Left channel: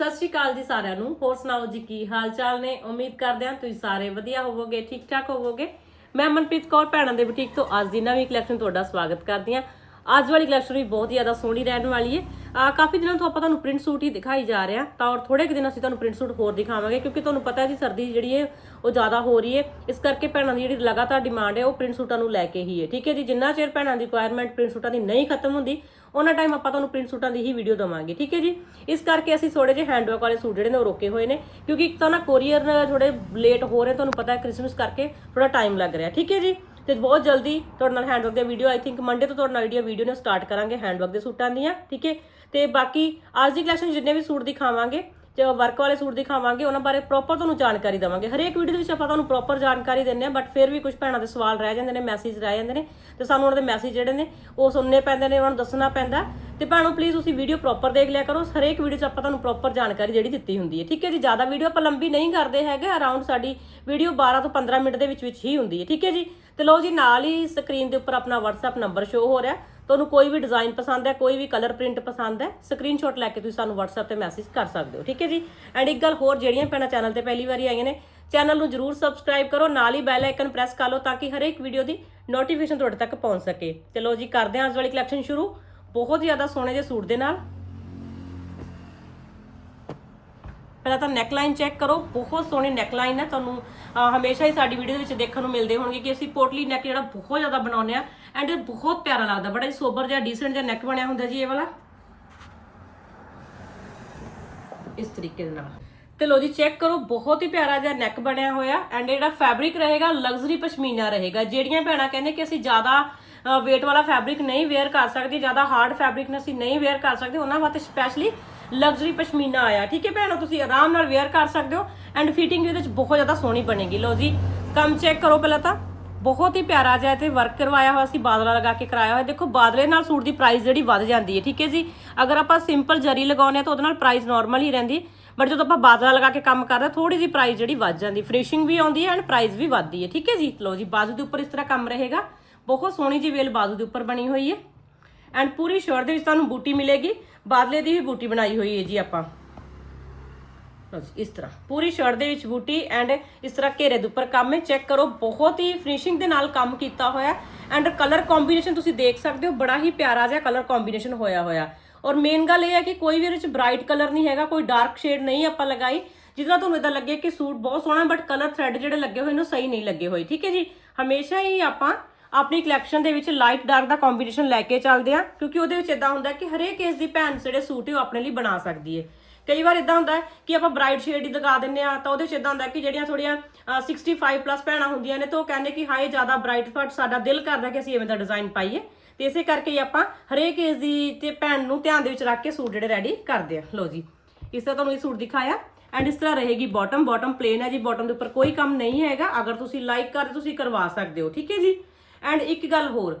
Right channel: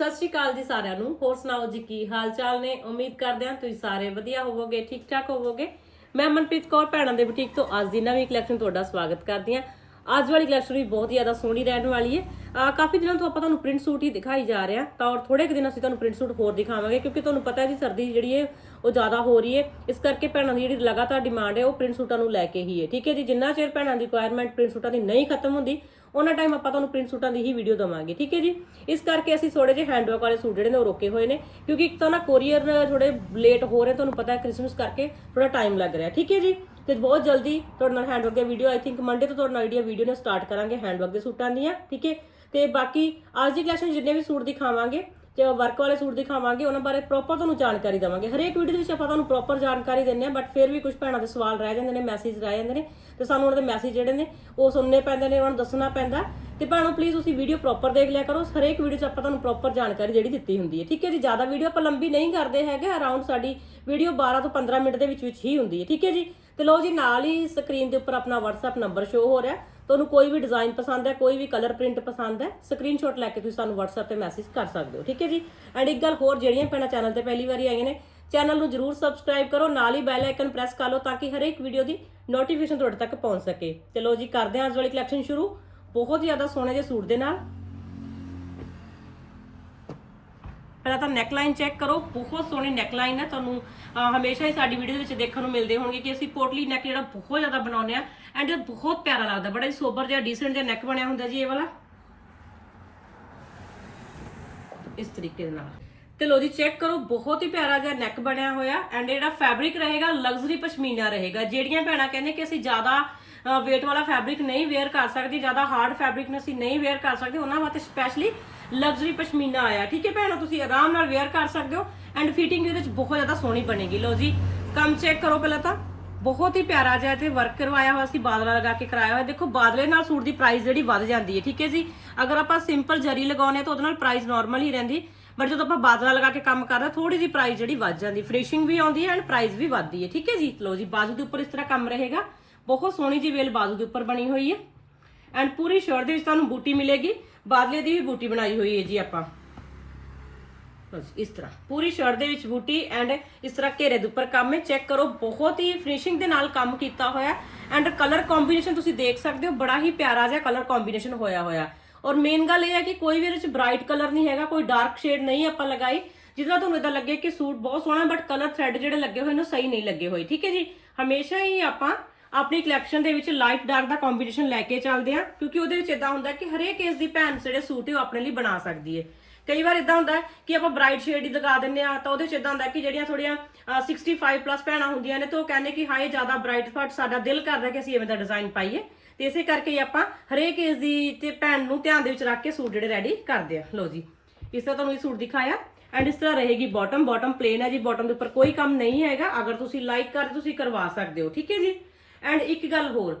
ਸਤਿ ਸ਼੍ਰੀ ਅਕਾਲ ਜੀ ਸਾਰਿਆਂ ਨੂੰ। ਹੋਰ ਸੁਣਾਓ ਜੀ ਕੀ ਹਾਲ ਚਾਲ ਨੇ? ਉਮੀਦ ਕਰਦੇ ਹਾਂ ਤੁਸੀਂ ਸਾਰੇ ਵਧੀਆ ਹੋਵੋਗੇ ਠੀਕ ਠਾਕ ਹੋਵੋਗੇ। ਮੈਂ ਮਨਪ੍ਰੀਤ ਕੌਰ, ਭੈਣਾਂ ਦੇ ਬੁਟੀਕ ਤੋਂ ਅੱਜ ਦੀ ਨਵੀਂ ਕਲੈਕਸ਼ਨ ਤੁਹਾਡਾ ਸਵਾਗਤ ਕਰਦੀ ਹਾਂ। ਅੱਜ ਵਾਲੀ ਕਲੈਕਸ਼ਨ ਵੀ ਬਹੁਤ ਜ਼ਿਆਦਾ ਸੋਹਣੀ ਰਹਿਣ ਵਾਲੀ ਹੈ। ਆ ਕਾਫੀ ਦਿਨਾਂ ਤੋਂ ਆਪਾਂ ਤੁਹਾਨੂੰ ਪ੍ਰਿੰਟ ਸੂਟ ਹੀ ਦਿਖਾਈ ਜਾ ਰਿਹਾ। ਤਾਂ ਔਰ ਥੋੜੇ ਕੁ ਦਿਨ ਅਸੀਂ ਤੁਹਾਨੂੰ ਪ੍ਰਿੰਟ ਸੂਟ ਹੋਰ ਦਿਖਾਵਾਂਗੇ, ਕਿਉਂਕਿ ਤੁਹਾਨੂੰ ਪਤਾ ਹੈ ਜੀ ਸਰਦੀ ਜਿਹੜੀ ਹੈ, ਉਹ ਜ਼ਿਆਦਾ ਹੋ ਰਹੀ ਹੈ। ਇਸ ਕਰਕੇ ਭੈਣਾਂ ਦੀ ਜਿਹੜੀ ਲਗਾਤਾਰ ਡਿਮਾਂਡ ਹੈ, ਉਹ ਪ੍ਰਿੰਟ ਸੂਟਾਂ ਨੂੰ ਲੈ ਕੇ ਹੀ ਹੈ। ਠੀਕ ਹੈ ਜੀ, ਜਿੰਨਾ ਚਿਰ ਭੈਣਾਂ ਦੀ ਰਿਕੁਆਇਰਮੈਂਟ ਪ੍ਰਿੰਟ ਸੂਟਾਂ ਦੀ ਨਹੀਂ ਖਤਮ ਹੁੰਦੀ ਉਹਨਾਂ ਟਾਈਮ ਆਪਾਂ ਤੁਹਾਨੂੰ ਪ੍ਰਿੰਟ ਸੂਟਾਂ ਦੀ ਹੀ ਵੀਡੀਓ ਦਵਾਂਗੇ, ਠੀਕ ਹੈ ਜੀ? ਇਸ ਕਰਕੇ ਅਸੀਂ ਥੋੜੇ ਜਿਹੇ ਹੈਂਡਵਰਕ ਵਾਲੇ ਸੂਟ ਜਿਹੜੇ ਨੇ ਉਹ ਰੋਕੇ ਹੋਏ ਨੇ, ਕਿਉਂਕਿ ਇੱਕ ਤਾਂ ਨਾ ਕੋਰੀਅਰ ਥੋੜੇ ਲੇਟ ਹੋ ਰਹੇ ਤੁਹਾਨੂੰ ਪਤਾ ਹੈ ਕ੍ਰਿਸਮਸ ਕਰਕੇ ਥੋੜਾ ਟਾਈਮ ਲੱਗ ਰਿਹਾ, ਠੀਕ ਹੈ ਜੀ? ਤੇ ਬਹੁਤ ਜਲਦੀ ਤੁਹਾਡੇ ਨਾਲ ਹੈਂਡਵਰਕ ਦੀ ਵੀਡੀਓ ਆਈ ਥਿੰਕ ਮੰਡੇ ਤੋਂ ਤੁਹਾਡੇ ਨਾਲ ਜਿਹੜੀ ਵੀਡੀਓ ਨੇ ਸਟਾਰਟ ਕਰਾਂਗੇ ਹੈਂਡਵਰਕ ਦੇ ਸੂਟਾਂ ਦੀਆਂ, ਠੀਕ ਹੈ? ਤੇ ਬਾਕੀ ਅੱਜ ਦੀ ਕਲੈਕਸ਼ਨ ਜਿੰਨੇ ਵੀ ਸੂਟ ਦਿਖਾਵਾਂਗੇ ਤੇ ਵਰਕ ਵਾਲੇ ਸੂਟ ਦਿਖਾਵਾਂਗੇ, ਉਹਨਾਂ ਬਾਰੇ ਪ੍ਰੋਪਰ ਤੁਹਾਨੂੰ ਜਾਣਕਾਰੀ ਦਵਾਂਗੇ। ਹਰੇਕ ਵੀਡੀਓ ਦੇ ਵਿੱਚ ਆਪਾਂ ਤੁਹਾਨੂੰ ਪ੍ਰੋਪਰ ਜਾਣਕਾਰੀ ਦਿੰਨੇ ਆ ਬਟ ਫਿਰ ਵੀ ਕੁਝ ਭੈਣਾਂ ਦੇ ਸਵਾਲ ਰਹਿ ਜਾਂਦੇ ਨੇ ਮੈਸੇਜ ਰਹਿ ਜਾਂਦੇ ਨੇ, ਤੇ ਸਾਨੂੰ ਉਹਨਾਂ ਦੇ ਮੈਸੇਜ ਜਿਹੜੇ ਨੇ, ਉਹ ਸੁਣਨੇ ਪੈਂਦੇ ਨੇ, ਉਹਨਾਂ ਨੂੰ ਦੱਸਣਾ ਪੈਂਦਾ। ਤੇ ਭੈਣੋ ਪਲੀਜ਼ ਤੁਸੀਂ ਵੀਡੀਓ ਪ੍ਰੋਪਰ ਦੇਖ ਲਿਆ ਕਰੋ। ਹਰੇਕ ਵੀਡੀਓ 'ਚ ਆਪਾਂ ਤੁਹਾਨੂੰ ਪ੍ਰੋਪਰ ਜਾਣਕਾਰੀ ਜਿਹੜੀ ਦਿੱਤੀ ਹੁੰਦੀ ਹੈ। ਠੀਕ ਹੈ ਜੀ? ਜ਼ਿਆਦਾ ਵੀਡੀਓ ਆਪਾਂ ਲੰਬੀ ਨਹੀਂ ਕਰਦੇ ਹੈਗੇ। ਅਰਾਊਂਡ ਸਾਡੀ ਵੀਡੀਓ 12 ਤੋਂ 15 ਮਿੰਟ ਦੇ ਵਿੱਚ ਵਿੱਚ ਹੀ ਹੁੰਦੀ ਹੈ। ਠੀਕ ਹੈ ਜੀ? ਤੇ ਲਓ ਜੀ, ਨਾਲ ਹੀ ਸਕਰੀਨ ਦੇ ਉੱਪਰ ਆਪਣਾ WhatsApp ਨੰਬਰ ਸ਼ੋ ਹੋ ਰਿਹਾ। ਤੁਹਾਨੂੰ ਕੋਈ ਵੀ ਡਿਜ਼ਾਈਨ ਪਸੰਦ ਹੈ, ਕੋਈ ਵੀ ਕਲਰ ਪ੍ਰਿੰਟ ਪਸੰਦ ਹੈ ਸਕਰੀਨਸ਼ਾਟ ਲੈ ਕੇ ਤੁਸੀਂ ਸਾਨੂੰ WhatsApp ਤੇ ਮੈਸੇਜ ਕਰ ਸਕਦੇ ਹੋ, ਠੀਕ ਹੈ ਜੀ? ਐਂਡ ਇੱਕ ਗੱਲ ਹੋਰ ਜਿਹੜੀਆਂ ਪੈਣਾ ਚੈਨਲ ਤੇ ਪਹਿਲੀ ਵਾਰੀ ਆਈਆਂ ਨੇ ਚੈਨਲ ਨੂੰ ਜਰੂਰ ਸਬਸਕ੍ਰਾਈਬ ਕਰੋ, ਨਾਲ ਹੀ ਬੈਲ ਆਈਕਨ ਪ੍ਰੈਸ ਕਰ ਲਓ ਤਾਂ ਕਿ ਹਰੇਕ ਵੀਡੀਓ ਦੀ ਨੋਟੀਫਿਕੇਸ਼ਨ ਤੁਹਾਡੇ ਤੱਕ ਪਹੁੰਚ ਸਕੇ। ਚਲੋ ਜੀ, ਕਰਦੇ ਹਾਂ ਅੱਜ ਵਾਲੀ ਕਲੈਕਸ਼ਨ ਸ਼ੁਰੂ। ਬਹੁਤ ਜ਼ਿਆਦਾ ਸੋਹਣੇ ਜਿਹੇ ਸੂਟ ਦੇ ਨਾਲ। ਪਹਿਲਾਂ ਤਾਂ ਨੈਕਲਾਈਨ ਚੈੱਕ ਕਰੋ, ਬਹੁਤ ਸੋਹਣੀ ਨੈਕਲਾਈਨ ਹੈ। ਤੁਹਾਨੂੰ ਹਮੇਸ਼ਾ ਹੀ ਸਾਡੀ ਵੀਡੀਓ ਦੇ ਵਿੱਚ ਦੇਖਣ ਨੂੰ ਮਿਲਦੇ ਹੋਣਗੇ ਕਿ ਅਸੀਂ ਪੋਟਲੀ ਨੈਕ ਜਿਹੜਾ ਬਹੁਤ ਜ਼ਿਆਦਾ ਬਣਾਉਂਦੇ ਆ ਐਂਡ ਬਹੁਤ ਪਿਆਰਾ ਲੱਗਦਾ, ਬੜਾ ਹੀ ਸੋਬਰ ਜਿਹਾ ਡੀਸੈਂਟ ਜਿਹਾ ਨੈਕ ਬਣਿਆ ਹੁੰਦਾ ਜੀ ਇਹ ਵਾਲਾ। ਇਸ ਤਰੀਕੇ ਦੇ ਨਾਲ। ਤੇ ਲੋ ਜੀ ਚੈੱਕ ਕਰੋ, ਬਹੁਤ ਹੀ ਪਿਆਰਾ ਜਿਹਾ ਨੈਕ ਬਣਿਆ ਹੋਇਆ, ਐਂਡ ਜਿਹੜਾ ਫੈਬਰਿਕ ਰਹੇਗਾ ਲਗਜ਼ਰੀ ਪਸ਼ਮੀਨਾ ਰਹੇਗਾ। ਜਿਹੜੀਆਂ ਭੈਣਾਂ ਕਹਿੰਦੇ ਕਿ ਅਸੀਂ ਜ਼ਿਆਦਾ weight ਵਾਲਾ ਫੈਬਰਿਕ ਨਹੀਂ ਵੇਅਰ ਕਰ ਸਕਦੇ, ਜ਼ਿਆਦਾ ਹਾਰਡ ਫੈਬਰਿਕ ਅਸੀਂ ਨਹੀਂ ਵੇਅਰ ਕਰ ਸਕਦੇ, ਉਹਨਾਂ ਵਾਸਤੇ ਸਪੈਸ਼ਲੀ ਲਗਜ਼ਰੀ ਪਸ਼ਮੀਨਾ ਆਇਆ। ਠੀਕ ਹੈ ਭੈਣੋ, ਤੁਸੀਂ ਆਰਾਮ ਨਾਲ ਵੇਅਰ ਕਰ ਸਕਦੇ ਹੋ, ਐਂਡ ਫਿਟਿੰਗ ਵੀ ਇਹਦੇ ਵਿੱਚ ਬਹੁਤ ਜ਼ਿਆਦਾ ਸੋਹਣੀ ਬਣੇਗੀ। ਲੋ ਜੀ, ਕੰਮ ਚੈੱਕ ਕਰੋ ਪਹਿਲਾਂ ਤਾਂ। ਬਹੁਤ ਹੀ ਪਿਆਰਾ ਜਿਹਾ ਤੇ ਵਰਕ ਕਰਵਾਇਆ ਹੋਇਆ ਸੀ, ਬਾਦਲਾ ਲਗਾ ਕੇ ਕਰਾਇਆ ਹੋਇਆ। ਦੇਖੋ, ਬਾਦਲੇ ਨਾਲ ਸੂਟ ਦੀ ਪ੍ਰਾਈਸ ਜਿਹੜੀ ਵੱਧ ਜਾਂਦੀ ਹੈ, ਠੀਕ ਹੈ ਜੀ? ਅਗਰ ਆਪਾਂ ਸਿੰਪਲ ਜਰੀ ਲਗਾਉਂਦੇ ਹਾਂ ਤਾਂ ਉਹਦੇ ਨਾਲ ਪ੍ਰਾਈਸ ਨਾਰਮਲ ਹੀ ਰਹਿੰਦੀ। ਬਟ ਜਦੋਂ ਆਪਾਂ ਬਾਦਲਾ ਲਗਾ ਕੇ ਕੰਮ ਕਰਦੇ ਥੋੜੀ ਜਿਹੀ ਪ੍ਰਾਈਸ ਜਿਹੜੀ ਵੱਧ ਜਾਂਦੀ। ਫਿਨਿਸ਼ਿੰਗ ਵੀ ਆਉਂਦੀ ਹੈ ਐਂਡ ਪ੍ਰਾਈਸ ਵੀ ਵੱਧਦੀ ਹੈ, ਠੀਕ ਹੈ ਜੀ? ਲੋ ਜੀ ਬਾਜ਼ੂ ਦੇ ਉੱਪਰ ਇਸ ਤਰ੍ਹਾਂ ਕੰਮ ਰਹੇਗਾ। ਬਹੁਤ ਸੋਹਣੀ ਜਿਹੀ ਵੇਲ ਬਾਜ਼ੂ ਦੇ ਉੱਪਰ ਬਣੀ ਹੋਈ ਹੈ। ਐਂਡ ਪੂਰੀ ਸ਼ਰਟ ਦੇ ਵਿੱਚ ਤੁਹਾਨੂੰ ਬੂਟੀ ਮਿਲੇਗੀ। ਬਾਦਲੇ ਦੀ ਵੀ ਬੂਟੀ ਬਣਾਈ ਹੋਈ ਹੈ ਜੀ ਆਪਾਂ। ਬਸ ਇਸ ਤਰ੍ਹਾਂ। ਪੂਰੀ ਸ਼ਰਟ ਦੇ ਵਿੱਚ ਬੂਟੀ ਐਂਡ ਇਸ ਤਰ੍ਹਾਂ ਘੇਰੇ ਦੇ ਉੱਪਰ ਕੰਮ ਹੈ। ਚੈੱਕ ਕਰੋ, ਬਹੁਤ ਹੀ ਫਿਨਿਸ਼ਿੰਗ ਦੇ ਨਾਲ ਕੰਮ ਕੀਤਾ ਹੋਇਆ। ਐਂਡ ਕਲਰ ਕੰਬੀਨੇਸ਼ਨ ਤੁਸੀਂ ਦੇਖ ਸਕਦੇ ਹੋ, ਬੜਾ ਹੀ ਪਿਆਰਾ ਜਿਹਾ ਕਲਰ ਕੰਬੀਨੇਸ਼ਨ ਹੋਇਆ ਹੋਇਆ। ਔਰ ਮੇਨ ਗੱਲ ਇਹ ਹੈ ਕਿ ਕੋਈ ਵੀ ਇਹਦੇ ਵਿੱਚ ਬ੍ਰਾਈਟ ਕਲਰ ਨਹੀਂ ਹੈਗਾ, ਕੋਈ ਡਾਰਕ ਸ਼ੇਡ ਨਹੀਂ ਆਪਾਂ ਲਗਾਈ। ਜਿਹਦੇ ਤੁਹਾਨੂੰ ਇਦਾਂ ਲੱਗੇ ਕਿ ਸੂਟ ਬਹੁਤ ਸੋਹਣਾ ਬਟ ਕਲਰ ਥ੍ਰੈਡ ਜਿਹੜੇ ਲੱਗੇ ਹੋਏ ਨੇ ਸਹੀ ਨਹੀਂ ਲੱਗੇ ਹੋਏ, ਠੀਕ ਹੈ ਜੀ? ਹਮੇਸ਼ਾ ਹੀ ਆਪਾਂ ਆਪਣੀ ਕਲੈਕਸ਼ਨ ਦੇ ਵਿੱਚ ਲਾਈਟ ਡਾਰਕ ਦਾ ਕੰਬੀਨੇਸ਼ਨ ਲੈ ਕੇ ਚੱਲਦੇ ਆ ਕਿਉਂਕਿ ਉਹਦੇ ਵਿੱਚ ਇਦਾਂ ਹੁੰਦਾ ਕਿ ਹਰੇਕ ਕੇਸ ਦੀ ਭੈਣ ਜਿਹੜੇ ਸੂਟ ਹੈ ਉਹ ਆਪਣੇ ਲਈ ਬਣਾ ਸਕਦੀ ਹੈ। ਕਈ ਵਾਰ ਇਦਾਂ ਹੁੰਦਾ ਕਿ ਆਪਾਂ ਬ੍ਰਾਈਟ ਸ਼ੇਡ ਹੀ ਲਗਾ ਦਿੰਨੇ ਆ ਤਾਂ ਉਹਦੇ ਵਿੱਚ ਇਦਾਂ ਹੁੰਦਾ ਕਿ ਜਿਹੜੀਆਂ ਥੋੜੀਆਂ 65 ਪਲੱਸ ਭੈਣਾਂ ਹੁੰਦੀਆਂ ਨੇ, ਤਾਂ ਉਹ ਕਹਿੰਦੇ ਕਿ ਹਾਏ, ਜ਼ਿਆਦਾ ਬ੍ਰਾਈਟ ਫਟ ਸਾਡਾ ਦਿਲ ਕਰਦਾ ਕਿ ਅਸੀਂ ਐਵੇਂ ਦਾ ਡਿਜ਼ਾਈਨ ਪਾਈਏ। ਤੇ ਇਸੇ ਕਰਕੇ ਹੀ ਆਪਾਂ ਹਰੇਕ ਏਜ ਦੀ ਤੇ ਭੈਣ ਨੂੰ ਧਿਆਨ ਦੇ ਵਿੱਚ ਰੱਖ ਕੇ ਸੂਟ ਜਿਹੜੇ ਰੈਡੀ ਕਰਦੇ ਆ। ਲਓ ਜੀ, ਇਸ ਤਰ੍ਹਾਂ ਤੁਹਾਨੂੰ ਇਹ ਸੂਟ ਦਿਖਾਇਆ। ਐਂਡ ਇਸ ਤਰ੍ਹਾਂ ਰਹੇਗੀ ਬਾਟਮ ਬਾਟਮ ਪਲੇਨ ਹੈ ਜੀ। ਬਾਟਮ ਦੇ ਉੱਪਰ ਕੋਈ ਕੰਮ ਨਹੀਂ ਹੈਗਾ। ਅਗਰ ਤੁਸੀਂ ਲਾਈਕ ਕਰਦੇ ਤੁਸੀਂ ਕਰਵਾ ਸਕਦੇ ਹੋ। ਠੀਕ ਹੈ ਜੀ? ਐਂਡ ਇੱਕ ਗੱਲ ਹੋਰ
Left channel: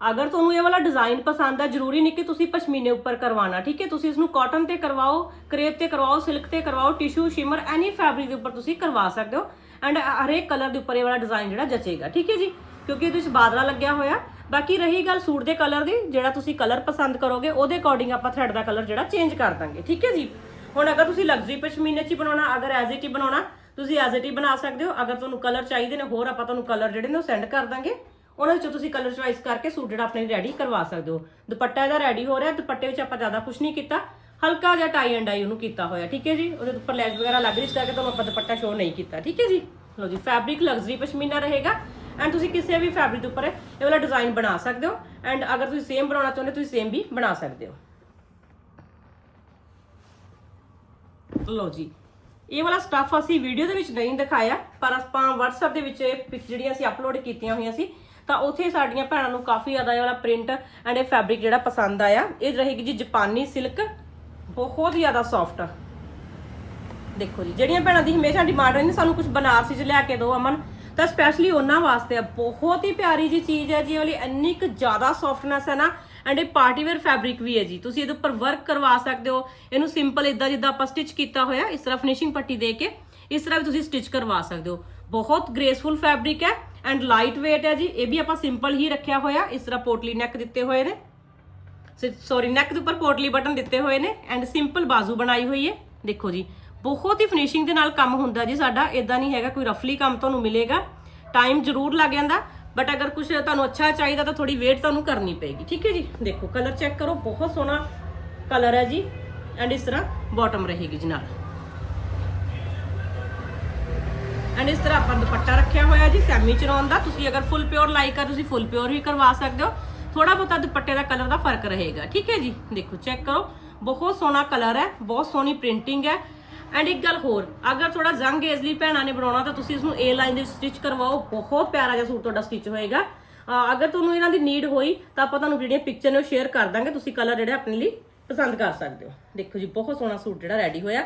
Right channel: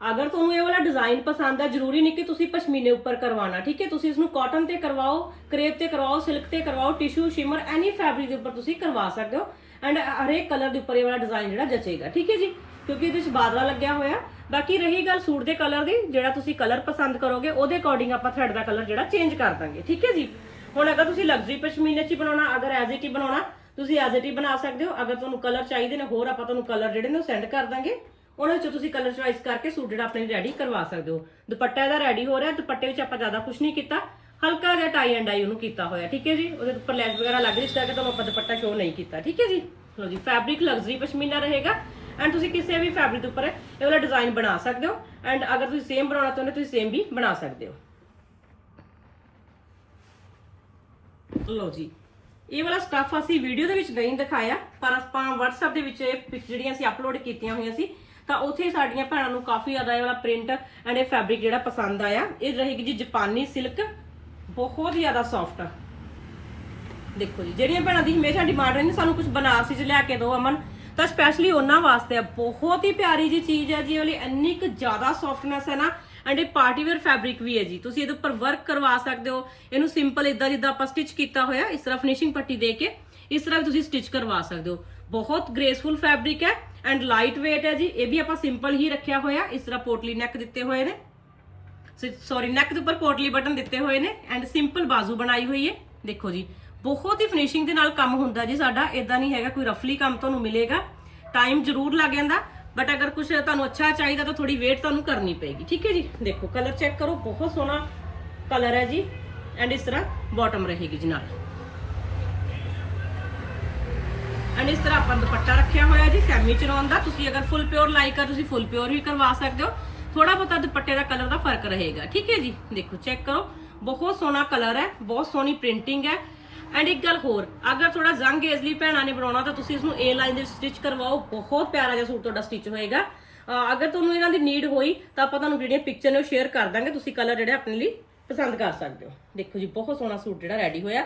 ਅਗਰ ਤੁਹਾਨੂੰ ਇਹ ਵਾਲਾ ਡਿਜ਼ਾਈਨ ਪਸੰਦ ਹੈ ਜ਼ਰੂਰੀ ਨਹੀਂ ਕਿ ਤੁਸੀਂ ਪਸ਼ਮੀਨੇ ਉੱਪਰ ਕਰਵਾਉਣਾ, ਠੀਕ ਹੈ? ਤੁਸੀਂ ਇਸ ਨੂੰ ਕਾਟਨ ਤੇ ਕਰਵਾਓ ਕਰੇਪ ਤੇ ਕਰਵਾਓ ਸਿਲਕ ਤੇ ਕਰਵਾਓ ਟਿਸ਼ੂ ਸ਼ਿਮਰ ਐਨੀ ਫੈਬਰਿਕ ਦੇ ਉੱਪਰ ਤੁਸੀਂ ਕਰਵਾ ਸਕਦੇ ਹੋ ਐਂਡ ਹਰੇਕ ਕਲਰ ਦੇ ਉੱਪਰ ਇਹ ਵਾਲਾ ਡਿਜ਼ਾਈਨ ਜਿਹੜਾ ਜਚੇਗਾ, ਠੀਕ ਹੈ ਜੀ? ਕਿਉਂਕਿ ਉਹਦੇ ਵਿੱਚ ਬਾਦਲਾ ਲੱਗਿਆ ਹੋਇਆ। ਬਾਕੀ ਰਹੀ ਗੱਲ ਸੂਟ ਦੇ ਕਲਰ ਦੀ, ਜਿਹੜਾ ਤੁਸੀਂ ਕਲਰ ਪਸੰਦ ਕਰੋਗੇ, ਉਹਦੇ ਅਕੋਰਡਿੰਗ ਆਪਾਂ ਥਰੈਡ ਦਾ ਕਲਰ ਜਿਹੜਾ ਚੇਂਜ ਕਰ ਦਾਂਗੇ, ਠੀਕ ਹੈ ਜੀ? ਹੁਣ ਅਗਰ ਤੁਸੀਂ ਲਗਜ਼ਰੀ ਪਸ਼ਮੀਨੇ 'ਚ ਹੀ ਬਣਾਉਣਾ, ਅਗਰ ਐਜ਼ ਇਟ ਹੀ ਬਣਾਉਣਾ, ਤੁਸੀਂ ਐਜ਼ ਇਟ ਹੀ ਬਣਾ ਸਕਦੇ ਹੋ। ਅਗਰ ਤੁਹਾਨੂੰ ਕਲਰ ਚਾਹੀਦੇ ਨੇ, ਹੋਰ ਆਪਾਂ ਤੁਹਾਨੂੰ ਕਲਰ ਜਿਹੜੇ ਨੇ ਉਹ ਸੈਂਡ ਕਰ ਦਾਂਗੇ। ਉਹਨਾਂ ਵਿੱਚੋਂ ਤੁਸੀਂ ਕਲਰ ਚੁਆਇਸ ਕਰਕੇ ਸੂਟ ਜਿਹੜਾ ਆਪਣੇ ਲਈ ਰੈਡੀ ਕਰਵਾ ਸਕਦੇ ਹੋ। ਦੁਪੱਟਾ ਇਹਦਾ ਰੈਡੀ ਹੋ ਰਿਹਾ, ਦੁਪੱਟੇ ਵਿੱਚ ਆਪਾਂ ਜ਼ਿਆਦਾ ਕੁਝ ਨਹੀਂ ਕੀਤਾ। ਹਲਕਾ ਜਿਹਾ ਟਾਈ ਐਂਡ ਡਾਈ ਉਹਨੂੰ ਕੀਤਾ ਹੋਇਆ, ਠੀਕ ਹੈ ਜੀ? ਉਹਦੇ ਉੱਪਰ ਲੈਸ ਵਗੈਰਾ ਲੱਗ ਰਹੀ ਇਸ ਕਰਕੇ ਤੁਹਾਨੂੰ ਆਪਾਂ ਦੁਪੱਟਾ ਸ਼ੋਅ ਨਹੀਂ ਕੀਤਾ, ਠੀਕ ਹੈ ਜੀ? ਲਓ ਜੀ ਫੈਬਰਿਕ ਲਗਜ਼ਰੀ ਪਸ਼ਮੀਨਾ ਰਹੇਗਾ। ਐਂਡ ਤੁਸੀਂ ਕਿਸੇ ਵੀ ਫੈਬਰਿਕ ਦੇ ਉੱਪਰ ਇਹ ਵਾਲਾ ਡਿਜ਼ਾਈਨ ਬਣਾ ਸਕਦੇ ਹੋ। ਐਂਡ ਅਗਰ ਤੁਸੀਂ ਸੇਮ ਬਣਾਉਣਾ ਚਾਹੁੰਦੇ ਤੁਸੀਂ ਸੇਮ ਵੀ ਬਣਾ ਸਕਦੇ ਹੋ। ਲਓ ਜੀ, ਇਹ ਵਾਲਾ ਸਟੱਫ ਅਸੀਂ ਵੀਡੀਓ ਦੇ ਵਿੱਚ ਨਹੀਂ ਦਿਖਾਇਆ, ਪਰ ਆਪਾਂ WhatsApp ਦੇ ਵਿੱਚ ਇਹ ਪਿਕ ਜਿਹੜੀਆਂ ਅਸੀਂ ਅਪਲੋਡ ਕੀਤੀਆਂ ਹੋਈਆਂ ਸੀ ਤਾਂ ਉੱਥੇ ਸਾਡੀਆਂ ਭੈਣਾਂ ਨੂੰ ਕਾਫੀ ਜ਼ਿਆਦਾ ਇਹ ਵਾਲਾ ਪ੍ਰਿੰਟ ਐਂਡ ਇਹ ਫੈਬਰਿਕ ਜਿਹੜਾ ਪਸੰਦ ਆਇਆ। ਇਹ ਰਹੇਗੀ ਜੀ ਜਾਪਾਨੀ ਸਿਲਕ ਬਹੁਤ ਹੀ ਜ਼ਿਆਦਾ ਸੌਫਟ ਦੇਖੋ ਜੀ, ਜਿਹੜੀਆਂ ਭੈਣਾਂ ਦੀ ਹਮੇਸ਼ਾ ਡਿਮਾਂਡ ਰਹਿੰਦੀ, ਸਾਨੂੰ ਕੁਝ ਬਨਾਰਸੀ ਚ ਲਿਆ ਕੇ ਦਿਓ ਅਮਨ। ਤਾਂ ਸਪੈਸ਼ਲੀ ਉਹਨਾਂ ਵਾਸਤੇ ਆ, ਬਹੁਤ ਹੀ ਪਿਆਰੀ ਜੀ ਚੀਜ਼ ਹੈ ਜੀ, ਇਹ ਵਾਲੀ ਇੰਨੀ ਕੁ ਜ਼ਿਆਦਾ ਸੌਫਟਨੈਸ ਹੈ ਨਾ ਐਂਡ ਇਹ ਪਾਰਟੀ ਵੇਅਰ ਫੈਬਰਿਕ ਵੀ ਹੈ ਜੀ। ਤੁਸੀਂ ਇਹਦੇ ਉੱਪਰ ਵਰਕ ਕਰਵਾ ਸਕਦੇ ਹੋ। ਇਹਨੂੰ ਸਿੰਪਲ ਇਦਾਂ ਜਿੱਦਾਂ ਆਪਾਂ ਸਟਿਚ ਕੀਤਾ ਹੋਇਆ, ਇਸ ਤਰ੍ਹਾਂ ਫਿਨਿਸ਼ਿੰਗ ਪੱਟੀ ਦੇ ਕੇ, ਇਸ ਤਰ੍ਹਾਂ ਵੀ ਤੁਸੀਂ ਸਟਿਚ ਕਰਵਾ ਸਕਦੇ ਹੋ। ਬਹੁਤ ਗ੍ਰੇਸਫੁਲ ਫੈਬਰਿਕ ਹੈ। ਐਂਡ ਲਾਈਟ weight ਹੈ ਜੀ, ਇਹ ਵੀ ਆਪਾਂ ਸਿੰਪਲ ਹੀ ਰੱਖਿਆ ਹੋਇਆ, ਇਸ ਤਰ੍ਹਾਂ ਪੋਟਲੀ ਨੈਕ ਦਿੱਤੇ ਹੋਏ ਨੇ। ਸੌਰੀ ਨੈਕ ਦੇ ਉੱਪਰ ਪੋਟਲੀ ਬਟਨ ਦਿੱਤੇ ਹੋਏ ਨੇ ਐਂਡ ਸਿੰਪਲ ਬਾਜ਼ੂ ਬਣਾਈ ਹੋਈ ਹੈ। ਦੇਖੋ ਜੀ, ਬਹੁਤ ਹੀ ਫਿਨਿਸ਼ਿੰਗ ਦੇ ਨਾਲ ਕੰਮ ਹੁੰਦਾ ਜੀ ਸਾਡਾ ਇਦਾਂ ਨਹੀਂ ਹੈਗਾ ਕੋਈ ਰਫਲੀ ਕੰਮ ਤੁਹਾਨੂੰ ਮਿਲੇਗਾ। ਟਾਈਮ ਜ਼ਰੂਰ ਲੱਗ ਜਾਂਦਾ ਬਟ ਅਗਰ ਕੁਝ ਤੁਹਾਨੂੰ ਅੱਛਾ ਚਾਹੀਦਾ ਤਾਂ ਥੋੜੀ ਵੇਟ ਤੁਹਾਨੂੰ ਕਰਨੀ ਪਏਗੀ। ਠੀਕ ਹੈ ਜੀ? ਦੇਖੋ ਕਲਰ ਚੈੱਕ ਕਰੋ, ਬਹੁਤ ਸੋਹਣਾ ਕਲਰ ਹੈ ਜੀ। ਐਂਡ ਇਸ ਤਰ੍ਹਾਂ ਬਾਟਮ ਰਹੇਗੀ ਜੀ ਨਾਲ। ਐਂਡ ਇਸ ਤਰ੍ਹਾਂ ਆਪਾਂ ਦੁਪੱਟਾ ਰੱਖਿਆ ਹੋਇਆ ਜੀ ਸੈਮੀ ਚਰੋਨ ਦਾ। ਤੁਸੀਂ ਅਗਰ ਫੁੱਲ ਪਿਓਰ ਲਾਈਕ ਕਰ ਤੁਸੀਂ ਫੁੱਲ ਪਿਓਰ ਵੀ ਕਰਵਾ ਸਕਦੇ ਹੋ। ਥੋੜਾ ਬਹੁਤਾ ਦੁਪੱਟੇ ਦਾ ਕਲਰ ਦਾ ਫ਼ਰਕ ਰਹੇਗਾ, ਠੀਕ ਹੈ ਜੀ? ਦੇਖੋ ਚੈੱਕ ਕਰੋ। ਬਹੁਤ ਸੋਹਣਾ ਕਲਰ ਹੈ, ਬਹੁਤ ਸੋਹਣੀ ਪ੍ਰਿੰਟਿੰਗ ਹੈ। ਐਂਡ ਇੱਕ ਗੱਲ ਹੋਰ, ਅਗਰ ਥੋੜਾ ਜ਼ੰਗ ਏਜਲੀ ਭੈਣਾਂ ਨੇ ਬਣਾਉਣਾ, ਤਾਂ ਤੁਸੀਂ ਇਸ ਨੂੰ ਏ ਲਾਈਨ ਦੇ ਸਟਿਚ ਕਰਵਾਓ। ਬਹੁਤ ਪਿਆਰਾ ਜਿਹਾ ਸੂਟ ਤੁਹਾਡਾ ਸਟਿਚ ਹੋਏਗਾ। ਅਗਰ ਤੁਹਾਨੂੰ ਇਹਨਾਂ ਦੀ ਨੀਡ ਹੋਈ, ਤਾਂ ਆਪਾਂ ਤੁਹਾਨੂੰ ਜਿਹੜੀਆਂ ਪਿਕਚਰ ਨੇ ਉਹ ਸ਼ੇਅਰ ਕਰ ਦਾਂਗੇ। ਤੁਸੀਂ ਕਲਰ ਜਿਹੜੇ ਆਪਣੇ ਲਈ ਪਸੰਦ ਕਰ ਸਕਦੇ ਹੋ। ਦੇਖੋ ਜੀ, ਬਹੁਤ ਸੋਹਣਾ ਸੂਟ ਜਿਹੜਾ ਰੈਡੀ ਹੋਇਆ।